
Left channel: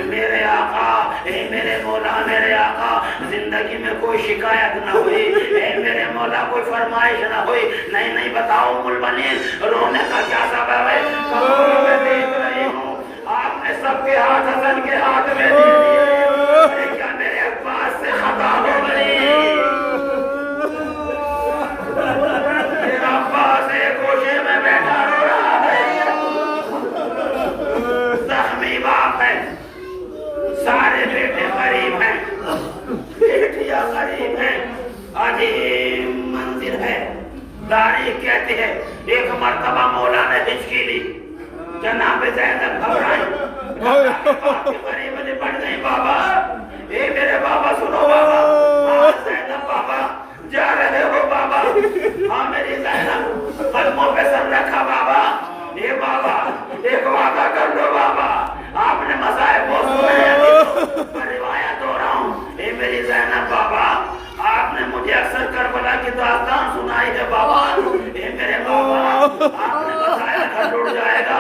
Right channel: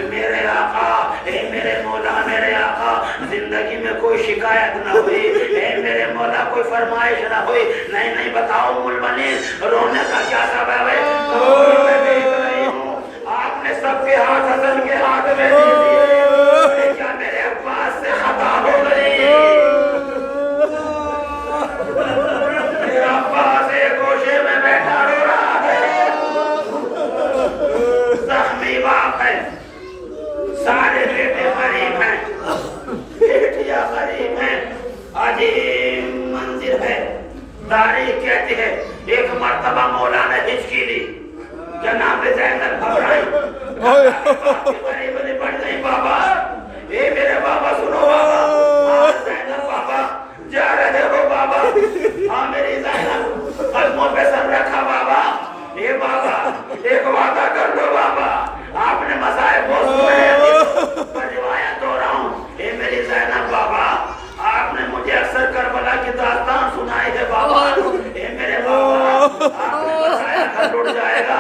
میرے آقا, اے میرے مولا, میرے آقا, زندگی میں کوئی شکایت نہ ہوئی, اے میرے مولا کوئی فرمائش نہ ہوئی. نہیں بتاؤ ام المنین رونے کا کیا سبب ہے؟ کہو میں دیکھ رہی ہوں آپ نے سب کے ہاتھ حسن کے ہاتھ میں دے دیے. کیا میرے عباس سے خطا ہو گئی؟ میرا عباس ایک گوشے میں بیٹھا رو رہا ہے, زخمی باپ ہے, سارے بیٹے قریب ہیں, بیٹیاں قریب ہیں. عجیب منظر ہے. تاریخ کہتی ہے ایک مرتبہ مولا نے ہچکی لی, جناب زینب گھبرائی, قریب لپٹ گئی. بابا, اے میرے بابا سنو بابا. ہاں زینب بابا جا رہے ہو بابا. ہاں میری زینب قدموں پہ سر رکھا بابا. اے بابا ایک وعدہ کر لو بابا, آپ نے مصائب وہ سنے ہیں, میں روایت ہو رہا ہوں. اے میری زینب بابا آپ نے مجھے اکثر کربلا کی داستان سنائی ہے بابا. اے میرے بابا آپ نے بتایا گھر ٹوٹ جائے گا,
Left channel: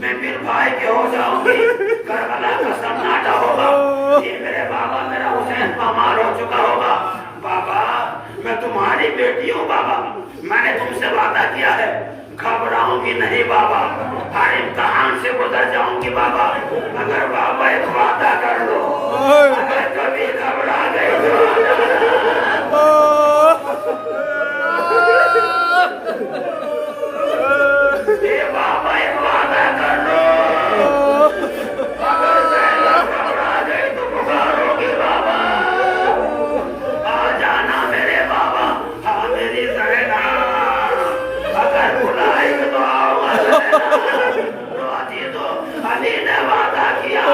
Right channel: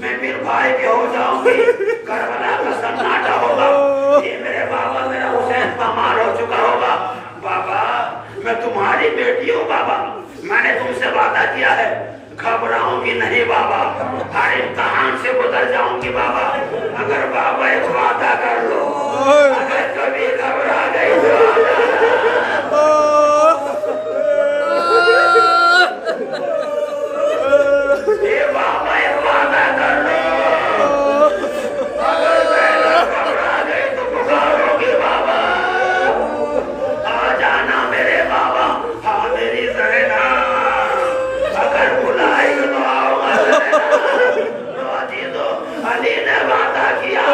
میں پھر بھائی کے ہو جاؤں گی, کربلا کا سناٹا ہوگا. اے میرے بابا میرا حسین پامال ہو چکا ہوگا. بابا میں تمہاری بیٹی ہوں بابا, میں نے تم سے وعدہ کیا ہے گھبراؤں گی نہیں بابا, ہر امتحان سے گزر جاؤں گی بابا. اگر بابا ایک وعدہ کر لو, اگر کبھی گھبرا گئی تو آ جانا. اے بابا ایک وعدہ کر لو, اگر زینب گھبرا گئی تو پکارو گی بابا, آ جانا میرے بابا. ہاں میری زینب اگر بلائے گی تو آؤ گا زینب. علی نے وعدہ کیا,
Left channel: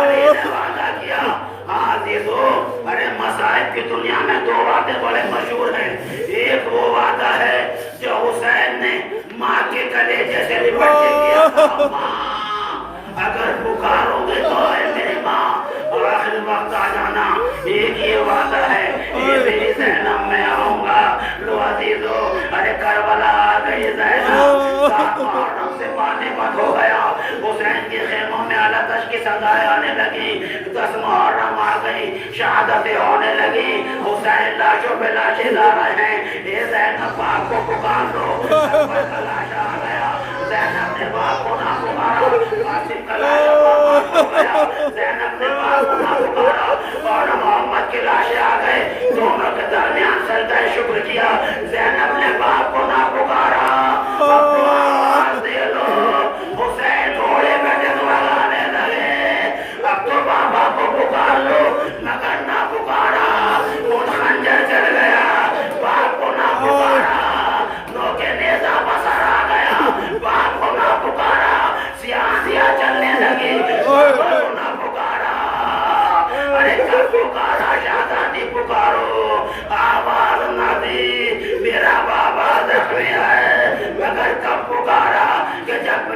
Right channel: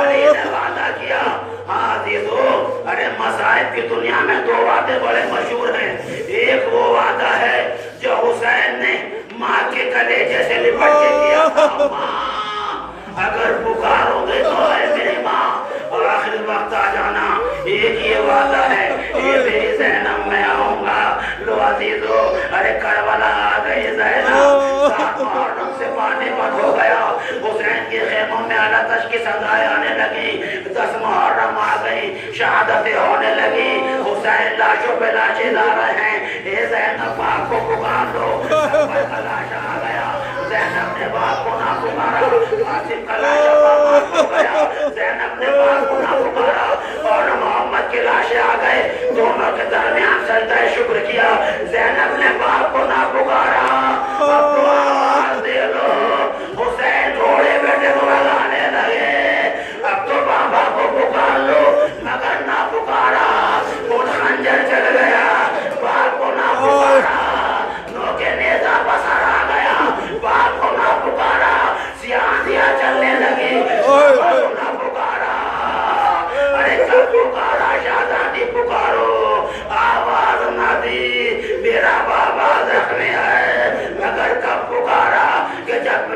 علی نے وعدہ کیا. ہاں عزیزو, ارے مصائب کی دنیا میں دو وعدے بڑے مشہور ہیں. ایک وہ وعدہ ہے جو حسین نے ماں کے کلیجے سے لپٹ کے کیا تھا, ماں اگر پکارو گے تو اے میری ماں آخری وقت آ جانا. ایک یہ وعدہ ہے اے میری زینب میں آؤں گا. لو عزیزو, ارے کربلا آ گئی زینب, 7 محرم سے پانی پت ہو گیا. حسین کے خیموں میں آلاتش کی صدائیں آنے لگی. 10 محرم آ گئی, شہادتیں ہونے لگی. حسین لاشوں پہ لاشیں لا رہے ہیں. اے زینب باپ کو پکار دو. اکبر کا لاشا آ گیا, زینب نے باپ کو نہ پکارا. قاسم کا لاشا پامال ہو گیا, زینب نے باپ کو نہ پکارا. اور محمد کی لاشیں آ گئے, دونوں کے درمیان سجدہ شکر کیا. زینب نے باپ کو نہ پکارا. اب تو آواز دے لو, حسین گھوڑے بیٹھے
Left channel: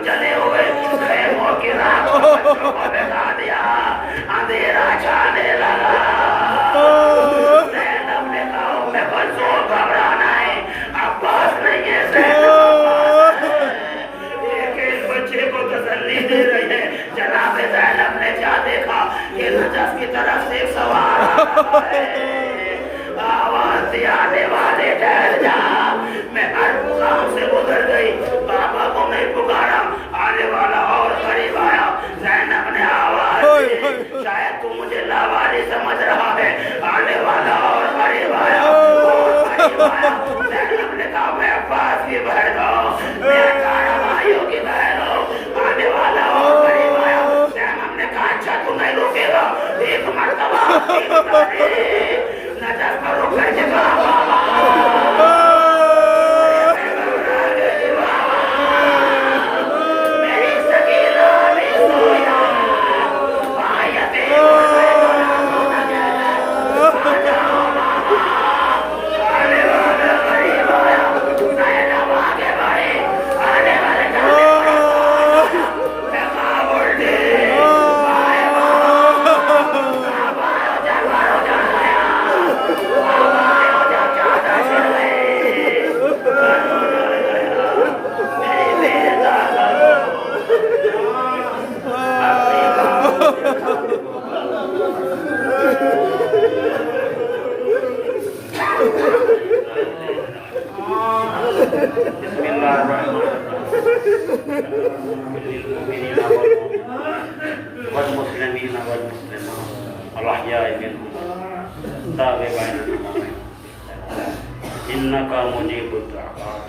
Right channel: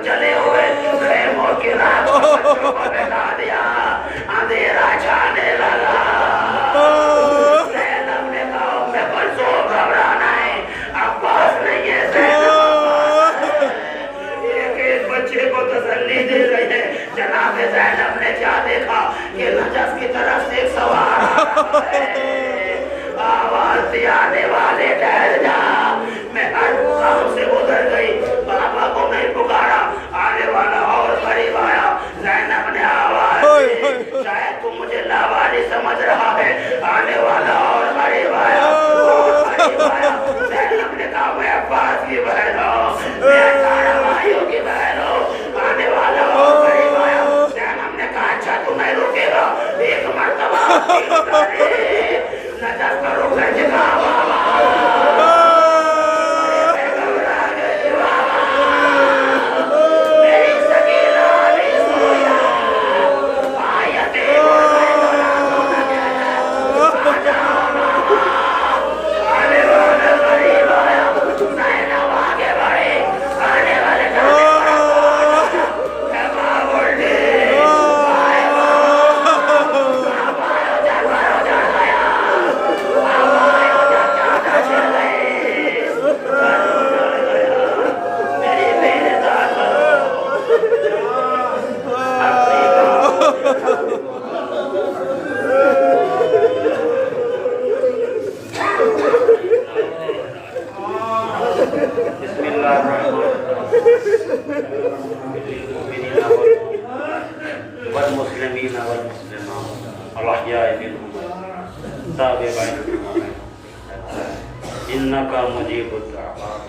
جلے ہوئے خیموں کی راہ کو بچوں کو بٹھا دیا، اندھیرا چھانے لگا۔ زینب نے کہا ام کلثوم گھبرانا ہے، عباس نہیں ہے، زینب عباس ہے۔ ایک ایک بچے کو تسلی دے رہی ہے۔ جناب زینب نے کیا دیکھا کہ نجف کی طرف سے ایک سوار آ رہا ہے۔ آواز دی آنے والے ٹھہر جا۔ میں ہر مقام سے ادھر گئی، بابا کو نہیں پکارا، آنے والا اور قریب آیا۔ زینب نے آواز دی، شاید تو مجھے لاواری سمجھ رہا ہے، آنے والا اور قریب آیا، اور قریب آیا۔ زینب نے کہا میں عباس کی بہن ہوں، میں 18 بھائیوں کی بہن ہوں، آنے والا اور قریب آیا۔ زینب نے کہا اچھا تو نہیں روکے گا، ایک مرتبہ نجف کو روک کر کے کہا بابا میں گھبرا گئی، بابا میری سکینہ بھی سویا، آیتیں بول رہے تو نہ سونا کہتا، آ جاؤ بابا۔ آنے والے قریب آیا، زینب آگے بڑھے، آنے والے جانے والا میں کہا بلٹی بسم اللہ الرحمن للمؤمنین والمسلمین والمسلمات الاحیاء منهم تابعین انک مجیب الدعوات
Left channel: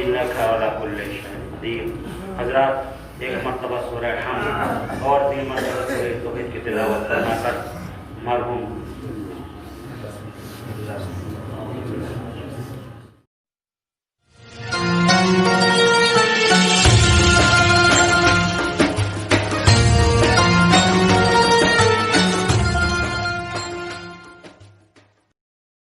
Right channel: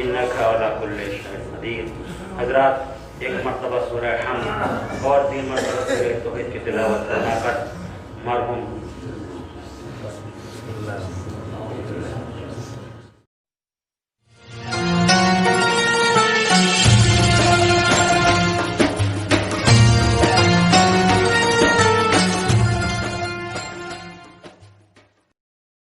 انک علی کل شیء قدیر۔ حضرات ایک مرتبہ سورہ حمد اور 3 مرتبہ سورہ توحید کی تلاوت فرما کر مرحوم